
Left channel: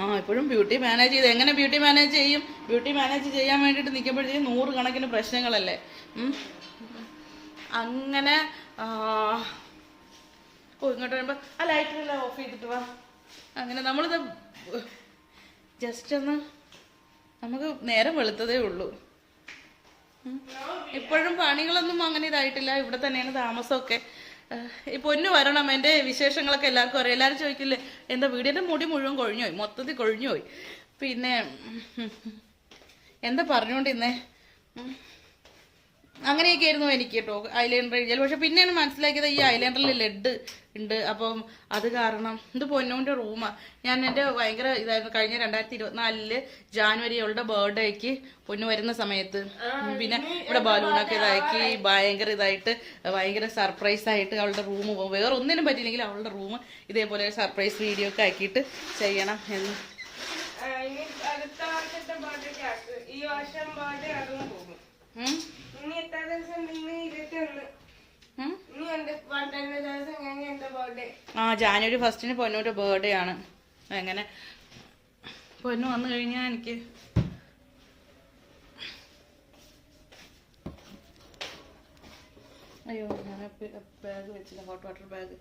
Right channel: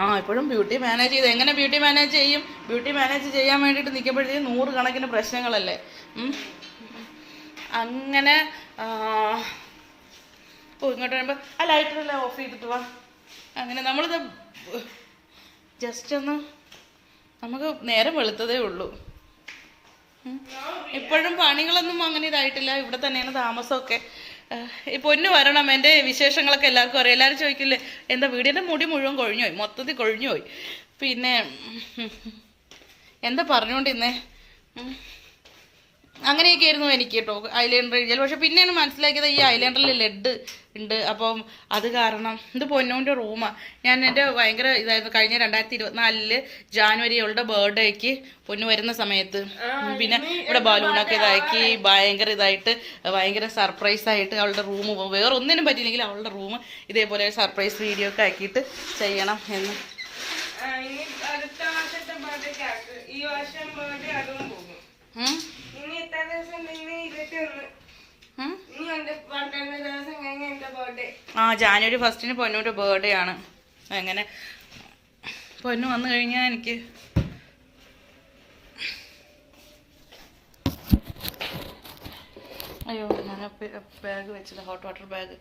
ആ ഇപ്പോഴും ബ്യൂട്ടി മാനേജ് ചെയ്ത് എങ്ങനെ ബ്യൂട്ടി മാനേജ് ചെയ്യും? ബ്യൂട്ടി മാനേജ് ചെയ്യാൻ വേണ്ടിയിട്ട് നിൽക്കുമ്പോഴത്തേക്കും നൂറ് കണക്കിന് പ്രശ്നങ്ങളല്ലേ അങ്ങനെ ഓ ഇങ്ങോട്ട് വരുമ്പോൾ ആ ലൈറ്ററെല്ലാം ഓഫ് ചെയ്തിട്ട് വാ. അങ്ങനെ നമ്മളിത് ജസ്റ്റ് ഒന്ന് നമുക്ക് നേരം വെളുത്തതേ ഉള്ളൂ. ഇപ്പോഴും പണികളൊന്നും അങ്ങനെ ഇതായിട്ടില്ല. ഇവിടെ തന്നെയാണ് താമസമൊക്കെ. ഈ പൊന്നു വരണം എന്റെ വിശേഷങ്ങളൊക്കെ എല്ലാവർക്കും അറിയാം. എല്ലാവരും ചോദിക്കില്ലേ എന്താ വീടിന്റെ മുടി മുഴുവൻ കൊഴിഞ്ഞുപോയി മൊത്തത്തിൽ കൊഴിഞ്ഞുപോയി. പിന്നെ എന്താ പറഞ്ഞുകൊണ്ടിരുന്നേ. അങ്ങനെയൊക്കെ ആയിരുന്നു എനിക്ക് കേട്ടോ ഐലൈനർ എഴുതിയാൽ പക്ഷെ പിന്നെയാണ് മനസ്സിലാക്കിയത് ഈ ഐലൈനറിൽ ലെഡ് ഉണ്ട്. അപ്പം അത് കാരണം ഇത് പൊന്നോന്റെ റൂമാണ് ഞാൻ എന്റെ ഭയങ്കര ഇതായിരുന്നു. കഴിഞ്ഞ രണ്ടായിരത്തി ഇരുപത്തിനാലിൽ ജാനുവരി അവളുടെ ബർത്ത്ഡേക്ക് പൊന്നു വരുന്ന സമയത്ത് പിന്നെ ഇവിടെ ബലൂണൊക്കെ ഇതാക്കി ഭയങ്കര ഇതായിട്ട് ഭയങ്കര സർപ്രൈസ് ആയിട്ട് അവളുടെ റൂം വേറെ ഒന്നിനും പറ്റിയില്ലെങ്കിൽ അവളുടെ റൂം ഇതേപോലെ സർപ്രൈസ് വീഡിയോ ഒക്കെ ആക്കിയിട്ട് ചെയ്യണം എന്ന്. അടുത്ത വർഷത്തെ ബർത്ത്ഡേക്ക് ആക്ക്. ഈ വർഷം ബർത്ത്ഡേ അതും പോകും. ദിവസം നിന്ന് ഇരുപത്തി ഒന്ന് ഇനി എന്റെ പന്ത്രണ്ട് ദിവസം കഴിഞ്ഞ എന്റെ ബർത്ത്ഡേ ആ ജാനുവരി ഫസ്റ്റിന് പൊന്നൂര് ബർത്ത്ഡേ ആണ്. അങ്ങനെ പൊന്നു വന്നു കഴിഞ്ഞാൽ എനിക്ക് അയ്യോ ഞാൻ ബാഗ് വെച്ചത് ഹോട്ട് വാട്ടർ ബാഗ്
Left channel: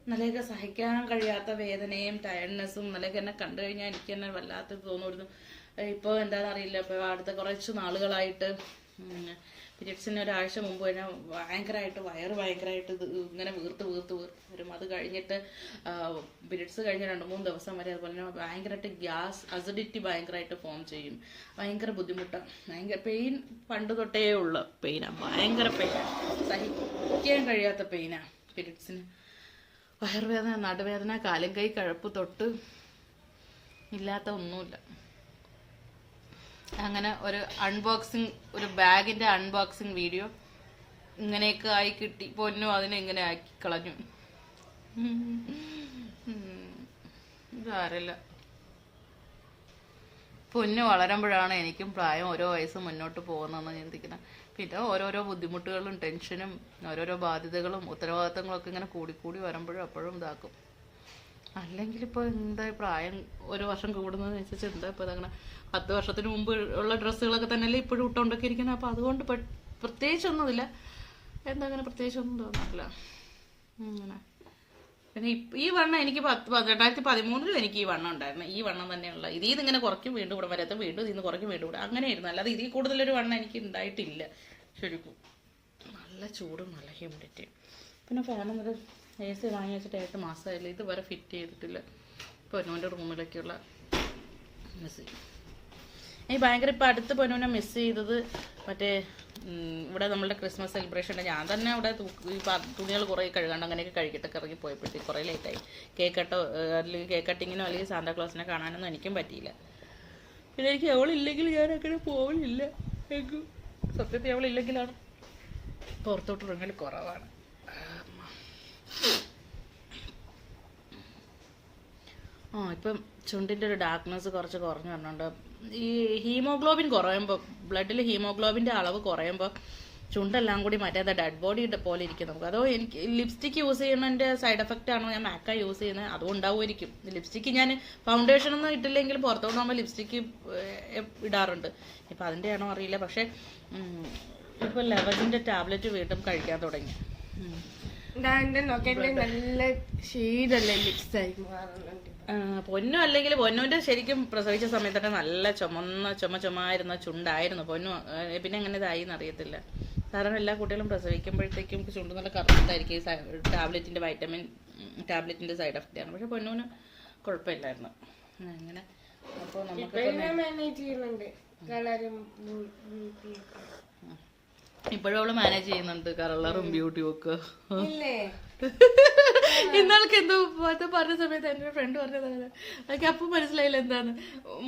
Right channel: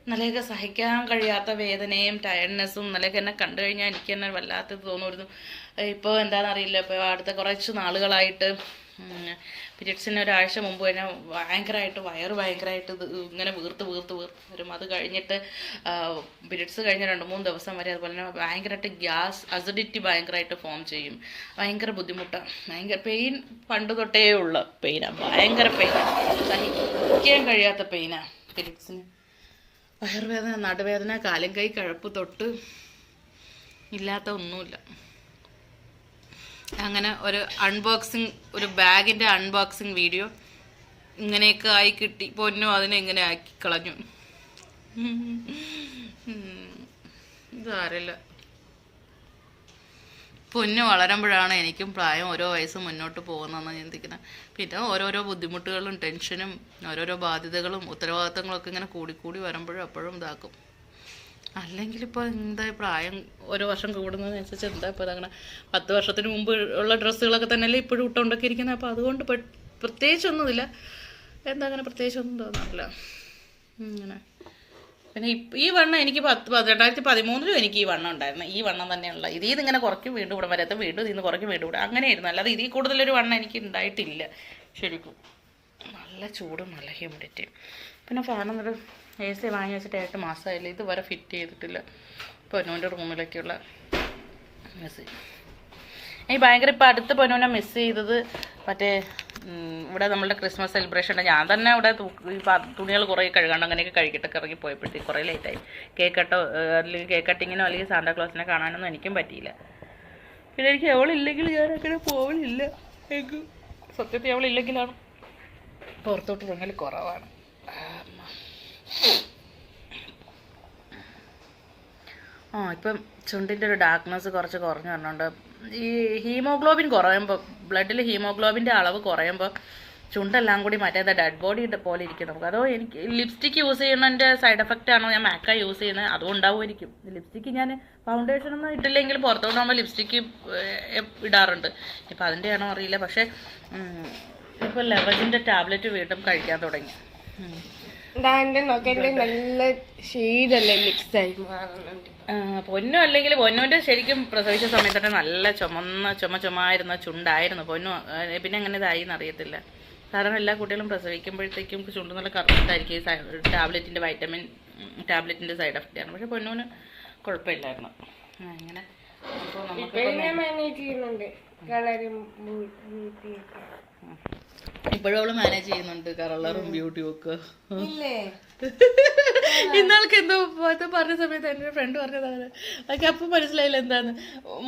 ഇന്നലെയൊക്കെ സഹിക്കാൻ കഴിയാത്ത വേദനയും ടയർഡ്നെസ്സും ഇന്നലെയൊക്കെ എന്നെ കണ്ടു കഴിഞ്ഞാൽ എനിക്ക് തന്നെ വല്ലാത്തത് തോന്നുമായിരുന്നു. ഇപ്പോൾ എന്താണെന്നറിയില്ല ഇപ്പോൾ അടുത്ത കുറച്ച് നാളുകളായിട്ട് പീരിയഡ്സിന് ഒരാഴ്ച മുമ്പ് തന്നെ ഭയങ്കരമായിട്ട് വയറ് ഭയങ്കരമായിട്ട് ഇങ്ങനെ വീർത്ത് വീർത്ത് വീർത്ത് വരും. അത് കഴിഞ്ഞിട്ട് പീരിയഡ്സ് കഴിഞ്ഞ രണ്ട് മൂന്ന് ദിവസം വരെ അതുപോലെ തന്നെ ഭയങ്കരമായിട്ട് ഗ്യാസ് അസിഡിറ്റി ഭയങ്കരമായിട്ട് ഫോം ചെയ്യും. ഭയങ്കര ബുദ്ധിമുട്ടാണ് ഭയങ്കര പെയിൻ പണ്ട് തൊട്ടേ ഉള്ള പെയിനാണ് ഭയങ്കര പെയിനാണ് സഹിക്കാൻ കഴിയാത്ത പെയിനാണ് പീരിയഡ്സിന് വയറുവേദന നടുവേദന കാലും കൈ കഴപ്പ് തൊട്ട് ഇല്ലാത്ത ഒന്നുമില്ല. അങ്ങനെ ഒരു അൺബോക്സിങ് ഒരു ബാഗിന്റെ അൺബോക്സിങ് വീഡിയോ ഇങ്ങനെയൊക്കെ ആയി കിട്ടി. പൊന്നു അതിനെ ഇങ്ങനെ ആക്കി കളഞ്ഞു. ഇതാരല്ല. പൊന്നു വളരുമ്പോഴാണ് എനിക്കും പ്രായം ഓരോ വയസ്സ് മുന്നോട്ട് പോകുന്നതെന്ന് ചിന്തിക്കുന്നത് പിന്നെ ഓരോരോ ബുദ്ധിമുട്ടുകളും ടെൻഷനും ഓരോരോ ബാധ്യതകളും ഉത്തരവാദിത്തങ്ങളൊക്കെ ഇങ്ങനെ കൂടിക്കൂടി വരുമ്പോഴും അപ്പോഴും ഇതാക്കും. അല്ലെങ്കിൽ ഇപ്പോൾ എന്താ പ്രായം ഓരോ വർഷം കൂടുന്നതിനനുസരിച്ച് എന്താ ഇപ്പോൾ അങ്ങനെ പത്ത് വർഷത്തിന് മുമ്പ് ഉള്ള ഡ്രസ്സുകളൊക്കെ തന്നെയല്ലേ ഇപ്പോഴും ഇട്ടുകൊണ്ടൊക്കെ ഇരിക്കുന്നത് അപ്പോൾ അതുകൊണ്ട് പ്രത്യേകിച്ചൊന്നുമില്ല. എന്താ അങ്ങനെ പ്രത്യേകിച്ചൊന്നും തോന്നാറില്ല. അങ്ങനെ പിന്നെ ഈ വണ്ണം എനിക്ക് പത്ത് രണ്ടായിരത്തി പതിമൂന്നിലും എനിക്ക് ഈ വണ്ണം ഉണ്ടായിരുന്നു. ഈ വണ്ണം തന്നെയുള്ള ഇതിൽ നിന്ന് ഇങ്ങനെ കുറയ്ക്കും വീണ്ടും ഇവിടെ വരാത്ത വീണ്ടും ഇതിൽ നിന്ന് കുറയ്ക്കും വീണ്ടും ഇവിടെ. അങ്ങനെയായിരുന്നു. അല്ലാതെ ഇതിൽ കൂടുതലൊരു വണ്ണം എനിക്ക് ഉണ്ടായിട്ടില്ല. ശരിക്കും. നല്ല ചൂടും നല്ല ഹ്യൂമിഡിറ്റിയും പിന്നെ ഫാനൊന്നൊരു എ സി വാങ്ങി വെച്ചിട്ട് ഏഴ് മാസമായില്ല? ഇതുവരെ ഫിറ്റ് ചെയ്തിട്ടില്ല. പൊന്നൂന്റെ റൂമിലേക്കുള്ള എ സി ഈ ഭയങ്കര ഇപ്പം അടുത്ത് പൊന്നൂനെ മിസ് ചെയ്തത് മറ്റേ ഇവിടെ നമ്മളുടെ ക്രിസ്മസ് സെലിബ്രേഷൻ ഉണ്ട് ഞാൻ തന്നെ ഇവിടെ തുണികൾ കുറേ കഴുകാണ്ട് അങ്ങനെയൊക്കെ കഴുകിയിട്ടൊക്കെ ഇറങ്ങി പോയപ്പോഴത്തേക്ക് കുറേ ലേറ്റായി കേക്ക് കട്ടോ അല്ലെങ്കിൽ കേക്ക് കട്ടിങ്ങിനോ അല്ലെങ്കിൽ സാന്താക്ലോസിനെ കാണാനൊന്നും എനിക്കും പറ്റിയില്ല. പിന്നെ എനിക്ക് അവളില്ലെങ്കിൽ ഞാൻ അങ്ങനെ പോവലില്ല. എനിക്ക് സത്യത്തിൽ അവളില്ലെങ്കിലാണ്? പുറത്തോട്ട് ഇറങ്ങൽ കുറവാണ്. ആ ഇപ്പം ചുണ്ടിന്റെ ഒരു ഡാർക്ക്നെസ് കുറച്ച് കുറഞ്ഞു പറഞ്ഞുകൊണ്ട് ഈ ഹീമോഗ്ലോബിൻ കുറയുമ്പോൾ ബ്ലഡിൽ ഹീമോഗ്ലോബിന്റെ അളവ് കുറയുമ്പോൾ ചുണ്ടെല്ലാം കൂടി മറ്റേ ഡെഡ് ബോഡി പോലെ ഇരിക്കും നമുക്ക്. അതോ എനിക്ക് ലിപ്സ്റ്റിക്ക് യൂസ് ചെയ്യുന്നതിന്റെ സൈഡ് എഫക്റ്റ് ആണോ? ഞാൻ മാക്ക യൂസ് ചെയ്യുന്നത്. അതും ഉണ്ടാവുമായിരിക്കും. ലിപ്സ്റ്റിക്ക് ഞാൻ ഫൗണ്ടേഷൻ ഒന്നും ഇട്ടില്ലെങ്കിൽ പുറത്തോട്ട് നമ്മൾ ലിപ്സ്റ്റിക്ക് ഇടാറുണ്ട്. ഇപ്പം അതിന്റെ ആണോ അറിയില്ല. പക്ഷേ ഇപ്പോൾ ലെവലിന്റെ ടാബ്ലറ്റ് വീണ്ടും കഴിക്കാൻ തുടങ്ങി. നല്ല ഷെയ്ഡല്ലേ മിക്സ് ആയി മാറുന്നുണ്ട്. പൊന്നു അല്ലെങ്കിൽ പൊന്നുവിന്റെ ശരിക്കും പ്രസവിച്ച സമയത്തൊക്കെ നല്ല ചുമന്ന ചുമ ചുമായിരുന്ന ചുണ്ടായിരുന്നു. പൊന്നു പിന്നെ അങ്ങനെ ഇതായി എന്നറിയത്തില്ല. സാധാരണ എല്ലാ കുട്ടികളും പ്രസവിക്കുമ്പോഴത്തേക്കും ചുണ്ട് നല്ല കറുത്തായിരിക്കും ഈ ടാബ്ലറ്റിന്റെ വൈറ്റമിൻ ടാബ്ലറ്റിന്റെ സൈഡ് എഫക്റ്റ് ആണ്. പക്ഷെ പൊന്നുവിന് കുഴപ്പമില്ലായിരുന്നു. അങ്ങനെ. അപ്പോൾ നമുക്ക് ചെയ്യുന്നുണ്ട്. കളറും ഇപ്പോഴും അവൾ മാനേജ് ചെയ്യുന്നുണ്ട്. കളറും ബ്യൂട്ടിയും ഒക്കെ. ഇന്നാൾക്ക് എന്തോ അത് പറഞ്ഞ സമയത്ത് എന്റെ ഫ്രണ്ട് പറഞ്ഞതാണ് അതൊക്കെ അപ്പം മനസ്സിലായില്ല എന്താണ്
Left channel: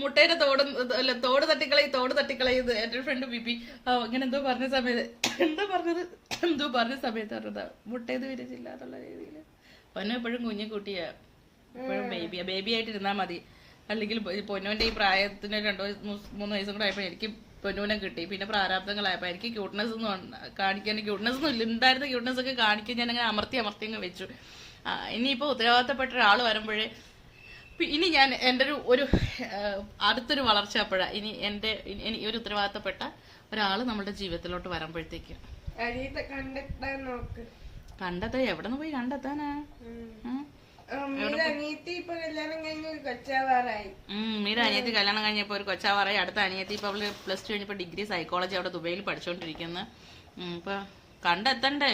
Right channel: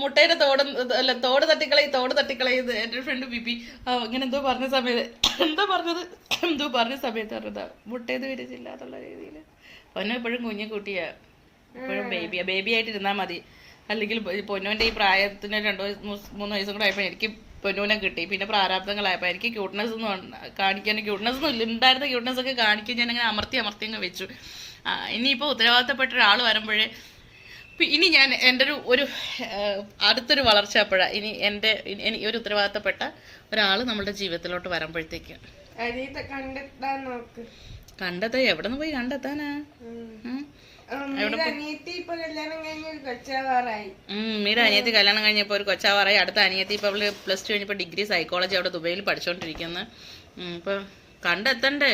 മുട്ടയുടെ തോട് അല്ല തോട് തട്ടിക്കളയും തോട് തട്ടിക്കളയത് എന്റെ ഫ്രണ്ട് ബിപി ആ ഇങ്ങനെ എന്തോ പറഞ്ഞ സമയത്ത് എന്തോ പറഞ്ഞത് എന്തോ പറഞ്ഞ സമയത്ത് പറഞ്ഞതാണ് മുട്ടയത് വിരിച്ചില്ല എന്നുള്ള രീതിയിൽ പൊന്നു എപ്പോഴും കുഞ്ഞു കുട്ടിയാ. എപ്പോഴും ബേബിയാ ബേബി ആയിട്ട് ഇരുന്നാൽ മതി. അല്ലെങ്കിൽ പൊന്നോന്റെ ഈ പ്രായത്തിന് രണ്ട് മൂന്ന് മൂന്ന് വയസ്സും കൂടെ ആയപ്പോൾ എനിക്ക് പൊന്നൂനെ കിട്ടി. പിന്നെ പ്രാരാബ്ദങ്ങളായപ്പോൾ എനിക്ക് ക്യൂട്ട്നെസ് ഒന്നും കാണിക്കാൻ ക്യൂട്ട്നെസ് ഒന്നും ഉണ്ടായിരുന്ന ക്യൂട്ട്നെസ് ഒക്കെ കാണിക്കാൻ ഞാൻ അങ്ങനെ അമർത്തി അമർത്തി അങ്ങ് വെച്ചു. ഇനിയിപ്പോൾ ഉത്തരവാദിത്തപ്പെട്ട ഒരാൾ വരുമ്പോഴേ ഇനി ഞാൻ എന്റെ ഒരു ഒരു അടുത്തൊരു വളർച്ച അപ്പോഴാണ് ഇനി എന്റെ ഇനി ഇനി ഒരു ഉത്തരവാദിത്തപ്പെട്ട ഒരാൾ നമ്മുടെ ജീവിതത്തിലോട്ട് വരുമ്പോഴത്തേക്ക്. കണ്ടെത്താൻ നോക്ക്. കണ്ടെത്താൻ എവിടെ നിന്ന് പോയി കണ്ടെത്താനാ? ഉം. ഉം? അനിയത്തി ഇപ്പൊ കല്യാണം കഴിഞ്ഞ ഒരു കൊച്ചാവാറായി. ഉം, മീര അനിയത്തി കല്യാണം കഴിഞ്ഞപ്പോൾ ഒരു കൊച്ചാവാറായി. അടുത്ത അനിയത്തി ഇപ്പോൾ അവൾ പ്ലസ് ടു കഴിഞ്ഞപ്പോൾ ഡിഗ്രി സൈക്കോളജി അവിടെ ദുബൈയിൽ പഠിച്ചുകൊണ്ടിരിക്കുന്നു ഇപ്പോൾ കണ്ടെത്തണ്ടേ?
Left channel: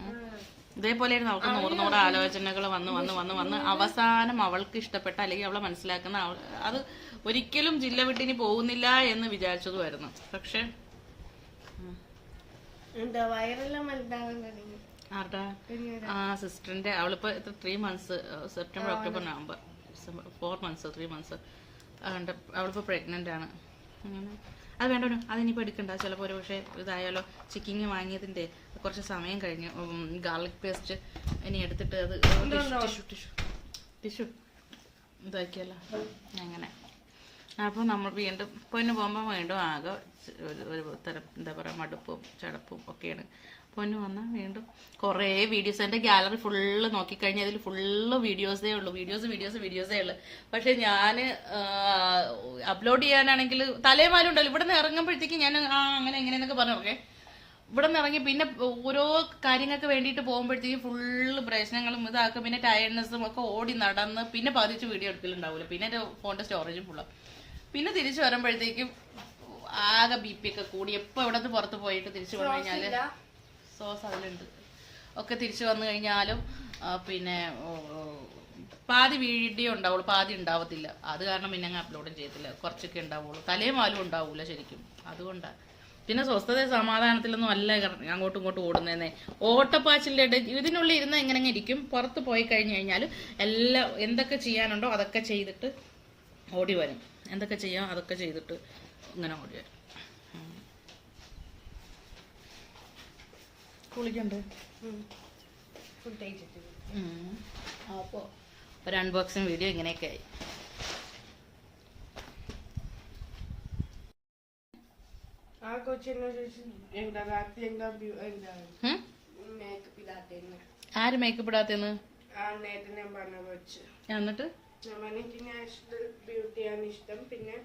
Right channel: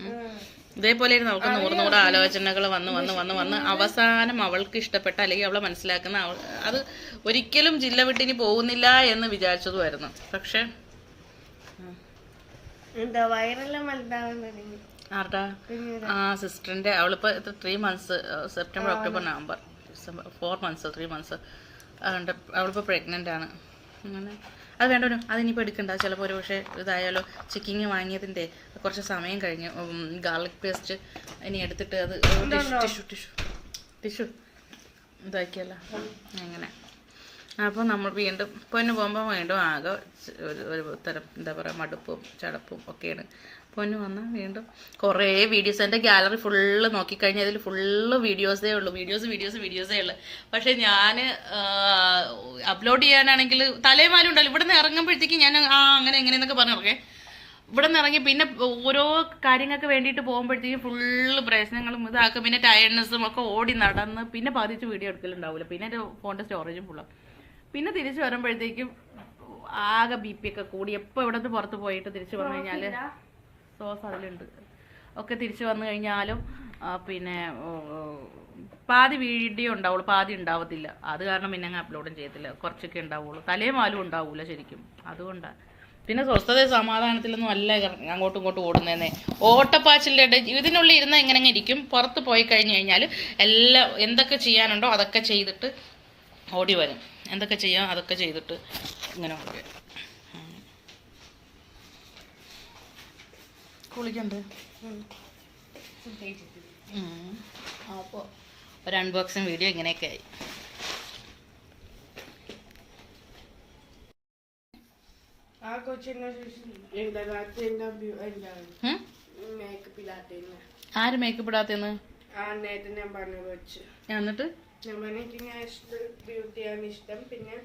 ഉം. ഇതേപോലെ അവൾക്ക് നൂറ് നൂറ് ആലോചനകൾ വന്ന് വന്ന് വന്ന് വന്ന് അവസാനം അവൾക്ക് ഇഷ്ടപ്പെട്ട അല്ലെങ്കിൽ അവളെ മനസ്സിലാക്കുന്ന അത് ഒരിക്കലും ജില്ല വിട്ടിനി പോകുന്നില്ല എന്ന് വിചാരിച്ചതുമായിരുന്നു. പക്ഷെ എന്താ വയറെല്ലാം വലുതാവാൻ തുടങ്ങി കുഞ്ഞിത് ആ സിസ്റ്ററിന്റെ അവളിപ്പോ three months September October November December four months three months അതുകൊണ്ട് അവളിപ്പോൾ പ്രഗ്നന്റ് ആണ്. അങ്ങനെ. അത് വേണ്ട അതിനിപ്പോൾ എടുക്കണ്ട. ചിലപ്പോ ഒരു പക്ഷേ ഇതായാലോ ചിക്കിങ് വാങ്ങിയതിന്റെ കുറച്ച് സമയം കഴിഞ്ഞു ഗാർലിക് പേസ്റ്റ് ഇനി എടുത്തിട്ട് അത് ടിഷ്യൂ ടിഷ്യൂ ടിഷ്യൂ ഇതാക്കിയല്ലോ. അങ്ങനെ. അപ്പോൾ നമ്മൾ വീണ്ടും പൊന്നു പോകുമ്പോൾ വീണ്ടും ആകെ ഒരു ഒരു തരം എന്താ പറയാ മടുപ്പും ചടപ്പും ഒക്കെയാണ്. പൊന്നു വന്നാൽ വീണ്ടും കുറേ വീഡിയോസ് എന്റെ ഗാലറി ഫുള്ള് നോക്കിക്കഴിഞ്ഞാൽ അതിൽ ഫുള്ള് വീഡിയോസേ ഉള്ളൂ. വീഡിയോസ് വീഡിയോസ് വീഡിയോസേ ഉള്ളൂ. പക്ഷേ ഞാൻ അപ്ലോഡ് ചെയ്യാനാണെങ്കിൽ തലേമാലും ഉണ്ടല്ലോ. ഇവിടെ നിന്ന് ഇറങ്ങുമ്പോഴത്തേക്ക് ഞാൻ ആ അങ്ങനെ എങ്ങനെയെന്നൊക്കെ പറഞ്ഞോക്കെ ഇവിടെ നിന്ന് ഇറങ്ങി പിന്നെ ഓരോ കാര്യങ്ങൾക്ക് വേണ്ടിയിട്ട് പോകുമ്പോഴത്തേക്കും ഫുള്ള് പ്രശ്നങ്ങളും ഇതാക്കും. പിന്നെ ടയർഡ്നെസ്സും ഒക്കെ ഓടി നടന്ന് പിന്നെ പതിച്ച് വീഡിയോ എടുക്കലുണ്ടാവില്ല പിന്നെ എന്റെ ഫോണിന്റെ സ്റ്റോറേജും ഫുള്ളാണ് പിന്നെ തിരിച്ചു വരുമ്പോഴത്തേക്കും ആകെ ബി പി ഒക്കെ കൂടി. എപ്പോൾ ഇവിടെ നിന്ന് പുറത്ത് പോയിട്ട് തിരിച്ചു വന്നു കഴിഞ്ഞാൽ സോസ് അതിലുണ്ട്. ഒക്കെ തിരിച്ചു വന്നു കഴിഞ്ഞാലും പിന്നെ പാതി വീഡിയോ ഉണ്ടാവുള്ളൂ പാതി ഉണ്ടാവത്തില്ല. അത് കാരണം പിന്നെ അങ്ങ് അപ്ലോഡും ചെയ്യത്തില്ല. കുറച്ചൊക്കെ ഉണ്ടാവുള്ളൂ. തലയും വാലും ഉണ്ടാവൂല ശരിക്കും. അതുകൊണ്ടാണ് പിന്നെ സ്വസ്ഥത സമാധാനത്തിലൊന്നും അല്ല അങ്ങോട്ടും ഇങ്ങോട്ടും ഓടുന്നതെന്നേ. ഓട്ടപ്പാച്ചിലിന്റെ ഇടയിൽ ഇതിനുള്ളിൽ ഇരുന്ന് ഇങ്ങനെ ഇരിക്കും. പുറത്ത് പോയി കഴിഞ്ഞ് കഴിഞ്ഞാൽ എല്ലാം എന്തൊക്കെ ചെയ്യാനുണ്ടോ അതൊക്കെ ചെയ്തിട്ട് ഓടി വരും. എന്തൊക്കെ ചെയ്യാം അതൊക്കെ ചെയ്തിട്ട് ഇങ്ങനെ ഓടി വരും. കുളിക്കണ്ടേ. അപ്പോൾ ഒരു അൺബോക്സിങ് വീഡിയോ ഇങ്ങനെയൊക്കെ ആയി. ആര് മേക്കപ്പ് ഇടാത്തെന്ന്? എന്നിട്ട്? ബ്യൂട്ടിയാണ് ഇഷ്ടം പിന്നെ.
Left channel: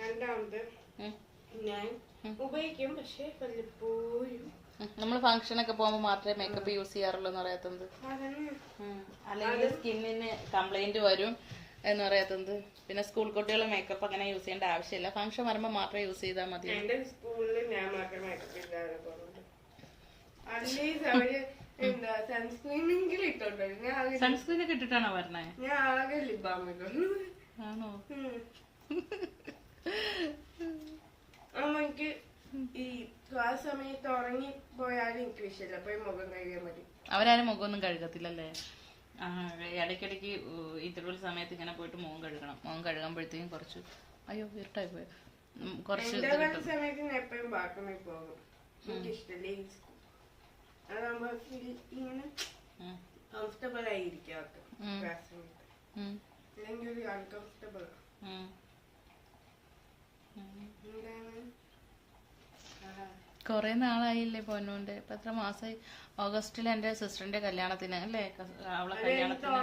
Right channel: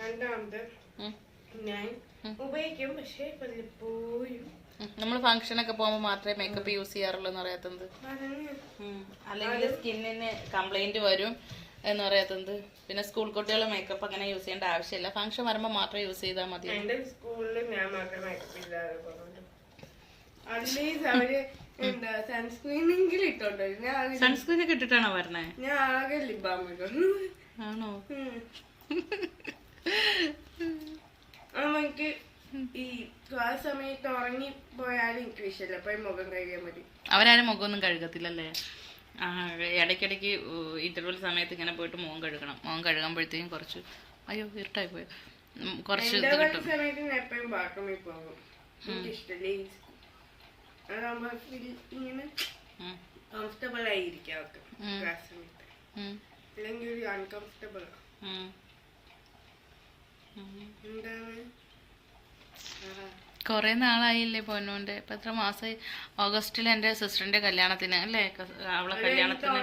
രണ്ടാമത് ഞാൻ ഉപയോഗിക്കും. പക്ഷെ വല്ലപ്പോഴും നമ്മൾ ഫംഗ്ഷനൊക്കെ പോകുമ്പോൾ മാത്രമേ മേക്കപ്പ് യൂസ് ചെയ്യാറുള്ളൂ എന്ന് പറയാത്തത്. അല്ലെങ്കിൽ സ്കിന്നിന് കംപ്ലൈന്റ് വരും എന്ന് പറയാത്തത്. പിന്നെ സ്കൂൾ കുട്ടികൾ മേക്കപ്പ് അങ്ങനെ യൂസ് ചെയ്യേണ്ട ആവശ്യമില്ല. ഫംഗ്ഷൻ വരുമ്പോൾ മാത്രം യൂസ് ചെയ്താൽ മതി. എന്റെ സ്കൂളിൽ ഞാൻ മേക്കപ്പ് സൺസ്ക്രീൻ ഒക്കെ ഇട്ടിട്ടാണോ വരണേ? ഞാൻ ആകെ ലിബാം ആണോ ഉം. അമ്മ എനിക്ക് ഈ ആ സമയത്ത് ഉറങ്ങി പോയാലും എനിക്ക് വിഷയമില്ല. മുഖം കഴുകിയാൽ മതി. അവരാരും മുഖമൊന്നും കഴുകത്തില്ലല്ലേ? ഇടയ്ക്കിടയ്ക്ക് ഇന്റർവെൽ സമയത്ത് ഇങ്ങനെ പോയിട്ട് മുഖം കഴുകണം. മുഖം കഴുകുമ്പോഴത്തേക്കും കുറച്ച് അയ്യോ ഇരുട്ടായി പോയി. കുറച്ച് ഇത് ഇന്റർവെൽ കിട്ടും. സമയത്ത് ഞാൻ എപ്പോഴും ബാത്റൂമിൽ പോകും. എനിക്ക് ഇഷ്ടമില്ല ഈ അതാകുമ്പോ feel ഇങ്ങനെ ഉം, കംഫർട്ടബിൾ ആയിരിക്കും അവർക്ക് ഉം. സമയത്ത് അല്ലെങ്കിൽ ഒരു അൺകംഫർട്ടബിൾ. എന്താണ്? കുറേ നാളായില്ലേ പോന്നോണ്ട് ഇപ്പം എത്ര മാസമായി ഓഗസ്റ്റിൽ എന്റെ സിസ്റ്ററിന്റെ കല്യാണത്തിന് അല്ലേ? അവളെ കല്യാണത്തിന്.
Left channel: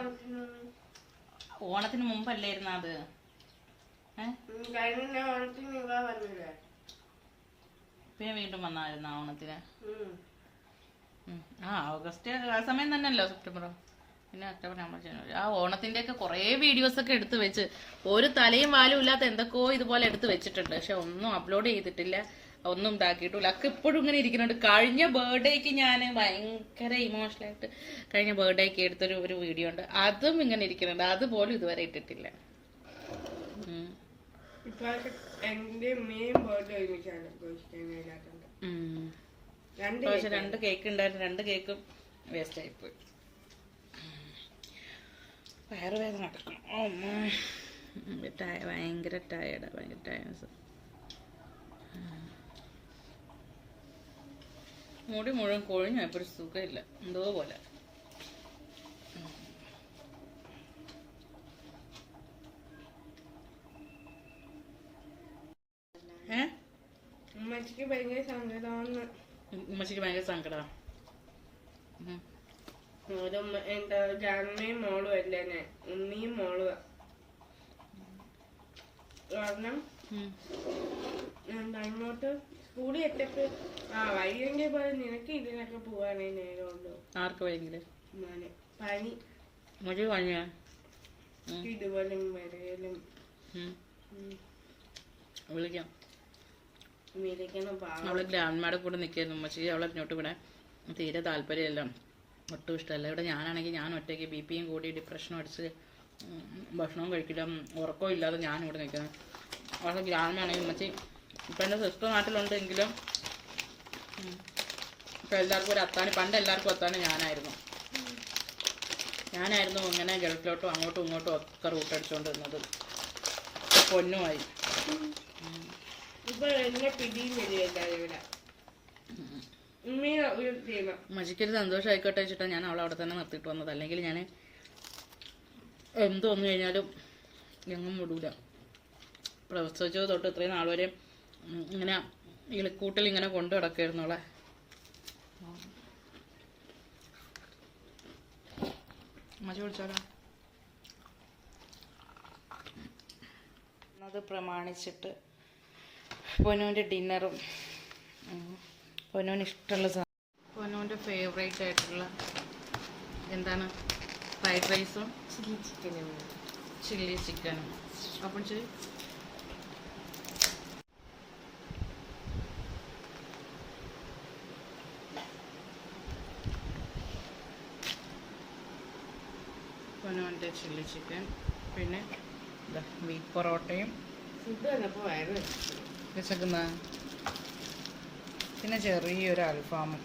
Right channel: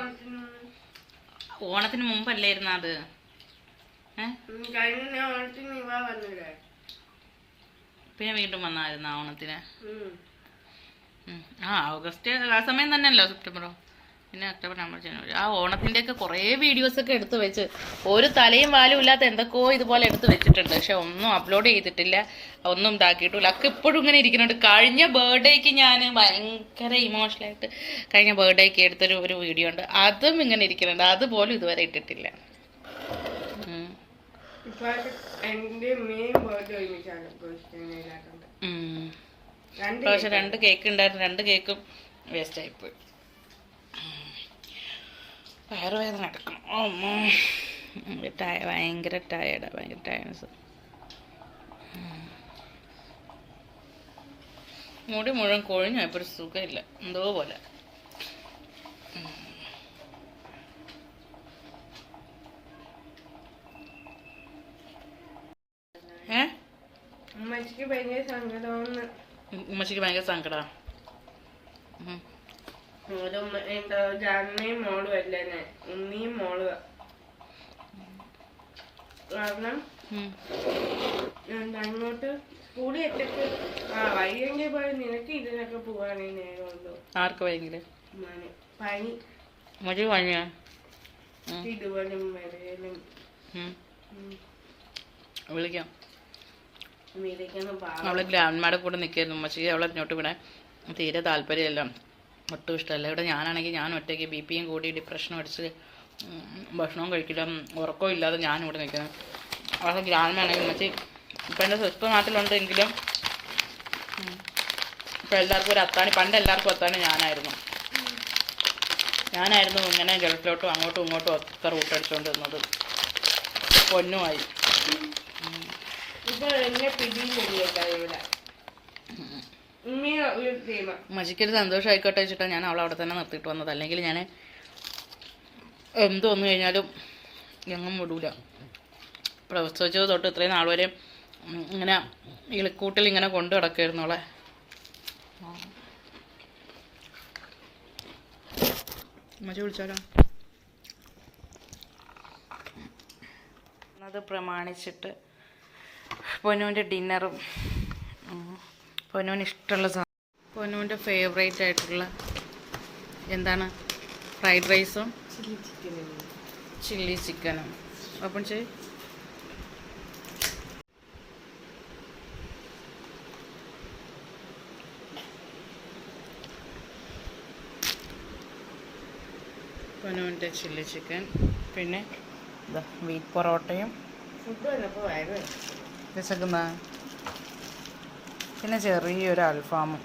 ഓണത്തിന് മുമ്പല്ലായിരുന്നു അത്? പിന്നെ വീണ്ടും വന്നായിരുന്നു ഓണത്തിന്. ആ ഓഗസ്റ്റ് ആ സമയം തന്നെയല്ലോ സെപ്റ്റംബറോ? പിന്നെ ഒക്ടോബർ നവംബർ ജനുവരി. ആ ഓണത്തിന്റെയൊക്കെ കുറേ വീഡിയോസൊക്കെ എടുത്തു വെച്ച് ഒരു തലയും വാലും ഇല്ലാത്ത എന്തൊക്കെയോ ഇതുപോലെ എടുത്തു വെച്ചിട്ടുണ്ട്. പക്ഷെ ഒന്നും അപ്ലോഡ് ചെയ്തിട്ടില്ല. ഒന്നും ഇതാക്കിയിട്ടില്ല. ഒക്കെ ഇപ്പോഴും ഇങ്ങനെ ഇരിക്കുന്നുണ്ട്. കഴിഞ്ഞ ബർത്ത്ഡേക്ക് ഞാൻ ഭയങ്കര ഇമോഷണലായിട്ട് കഴിഞ്ഞ ബർത്ത്ഡേക്ക് എടുത്തൊരു ഒരു വീഡിയോ ഉണ്ട്. അതും ഇങ്ങനെ ഇരിക്കുന്നുണ്ട്. അതുപോലും ഇതുവരെ ഇട്ടിട്ടില്ല. രണ്ട് കേക്ക് ഉണ്ടായിരുന്നു. രണ്ട് കേക്കും വേസ്റ്റ് ആയിപ്പോയി വയറുവേദന എടുക്കണം. ഭയങ്കര ടയർഡ് ഭയങ്കര ടയർഡ്സ് മുടി മുഴുവൻ കൊഴിഞ്ഞു? ഇപ്പോൾ ഒരു സുഖമില്ല. എന്തോ പോലെ. ഉമ്മച്ചിക്ക് ഭയങ്കര സങ്കടമാണ് ഉമ്മച്ചിക്ക് ഭയങ്കര സങ്കടമാണ് ഒരു ജാനയും മോളും അല്ലേ ഉണ്ണിയും മോളും. കാരണം അങ്ങോട്ട് സ്കൂളിൽ എത്തിട്ട് ആ വൈകെങ്കിൽ പോയി നിനക്ക് ഇതിനൊക്കെ പോവാണെങ്കിൽ നേരമുണ്ടോ ആർക്ക് ഭയങ്കര പനി. ഉമ്മച്ചിക്ക് പനിയാ? ഇതുപോലും വരലും. വിളിക്കാം. അവളെ ഗ്രാൻഡ്മാടെ കൂടെ നിൽക്കായിരുന്നു പക്ഷേ അവളെ ഇങ്ങോട്ട് വിടാൻ തീരെ താല്പര്യമില്ല. ഒട്ടും ഇഷ്ടമല്ല. ഇവിടെ ഞാനാണെങ്കിൽ ഞാൻ ഒറ്റയ്ക്ക് ബി പിയും കൂടി ഡിപ്രഷനും അടിച്ച് ഭക്ഷണവും കഴിക്കില്ല. ഉറക്കവും ഇല്ലാതെ ഞാനിവിടെ നിൽക്കുന്നത് അവിടെ ഗ്രാമമാണെങ്കിൽ മച്ചി ഇപ്പം എന്റെ സിസ്റ്റർ നാട്ടിലുണ്ടെങ്കിലും ഇപ്പം എല്ലാവർക്കും ഒരു അത്താണി പണ്ട് എല്ലാവർക്കും അത്താണി ഞാനായിരുന്നു. ഞാനായിരുന്നു ഇങ്ങനെ ഗൾഫിലോട്ടും അങ്ങോട്ടും ഇങ്ങോട്ടും ഒത്ത റൂട്ട് അടിച്ചുകൊണ്ടിരുന്നത് പൊന്നുമായി. ഇപ്പോൾ എന്നെ പിടിയും പിടിയേക്കാണ് ഇവിടെ. മജിക്കൊരു സന്തോഷമായിക്കോട്ടെ വെച്ചിട്ടാ ഞാൻ അവളെ അവിടെ തന്നെ നിർത്തിയിട്ട് വന്നത്. അല്ലെങ്കിൽ ഞാൻ എന്ത് വന്നു കഴിഞ്ഞാലും എങ്ങും വിടൂല. പ്രസവിച്ചത് തൊട്ട് ഇത്രയും നാൾ വരെ ഇങ്ങനെ ഇളിക്കൂട്ടിൽ ഇങ്ങനെ കൊണ്ടു കിടക്കായിരുന്നു അവളെ. മജി വിളിച്ചാലോ? അത് പ്രമാണിച്ചിട്ട് പൊന്നുവിന്റെ ഡിന്നറും പൊന്നുവിന് ഇഷ്ടമുള്ള സാധനം പൊന്നുവിന്റെ ഫേവറേറ്റ് ആയിട്ടുള്ള എന്താണ്? ഫ്രൈഡ് റൈസും ചില്ലി ചിക്കനും ചില്ലി ചിക്കനും ഓപ്പൺ ചെയ് പൊന്നുവിന്റെ ചില്ലി ചിക്കൻ പിന്നെ ഇതാ വീറ്റ് പൊറോട്ടയും ഫുഡ് വന്നപ്പോ വയറ് വിശക്കുന്ന? പിന്നെ ചെറിയൊരു അൽഫാമും.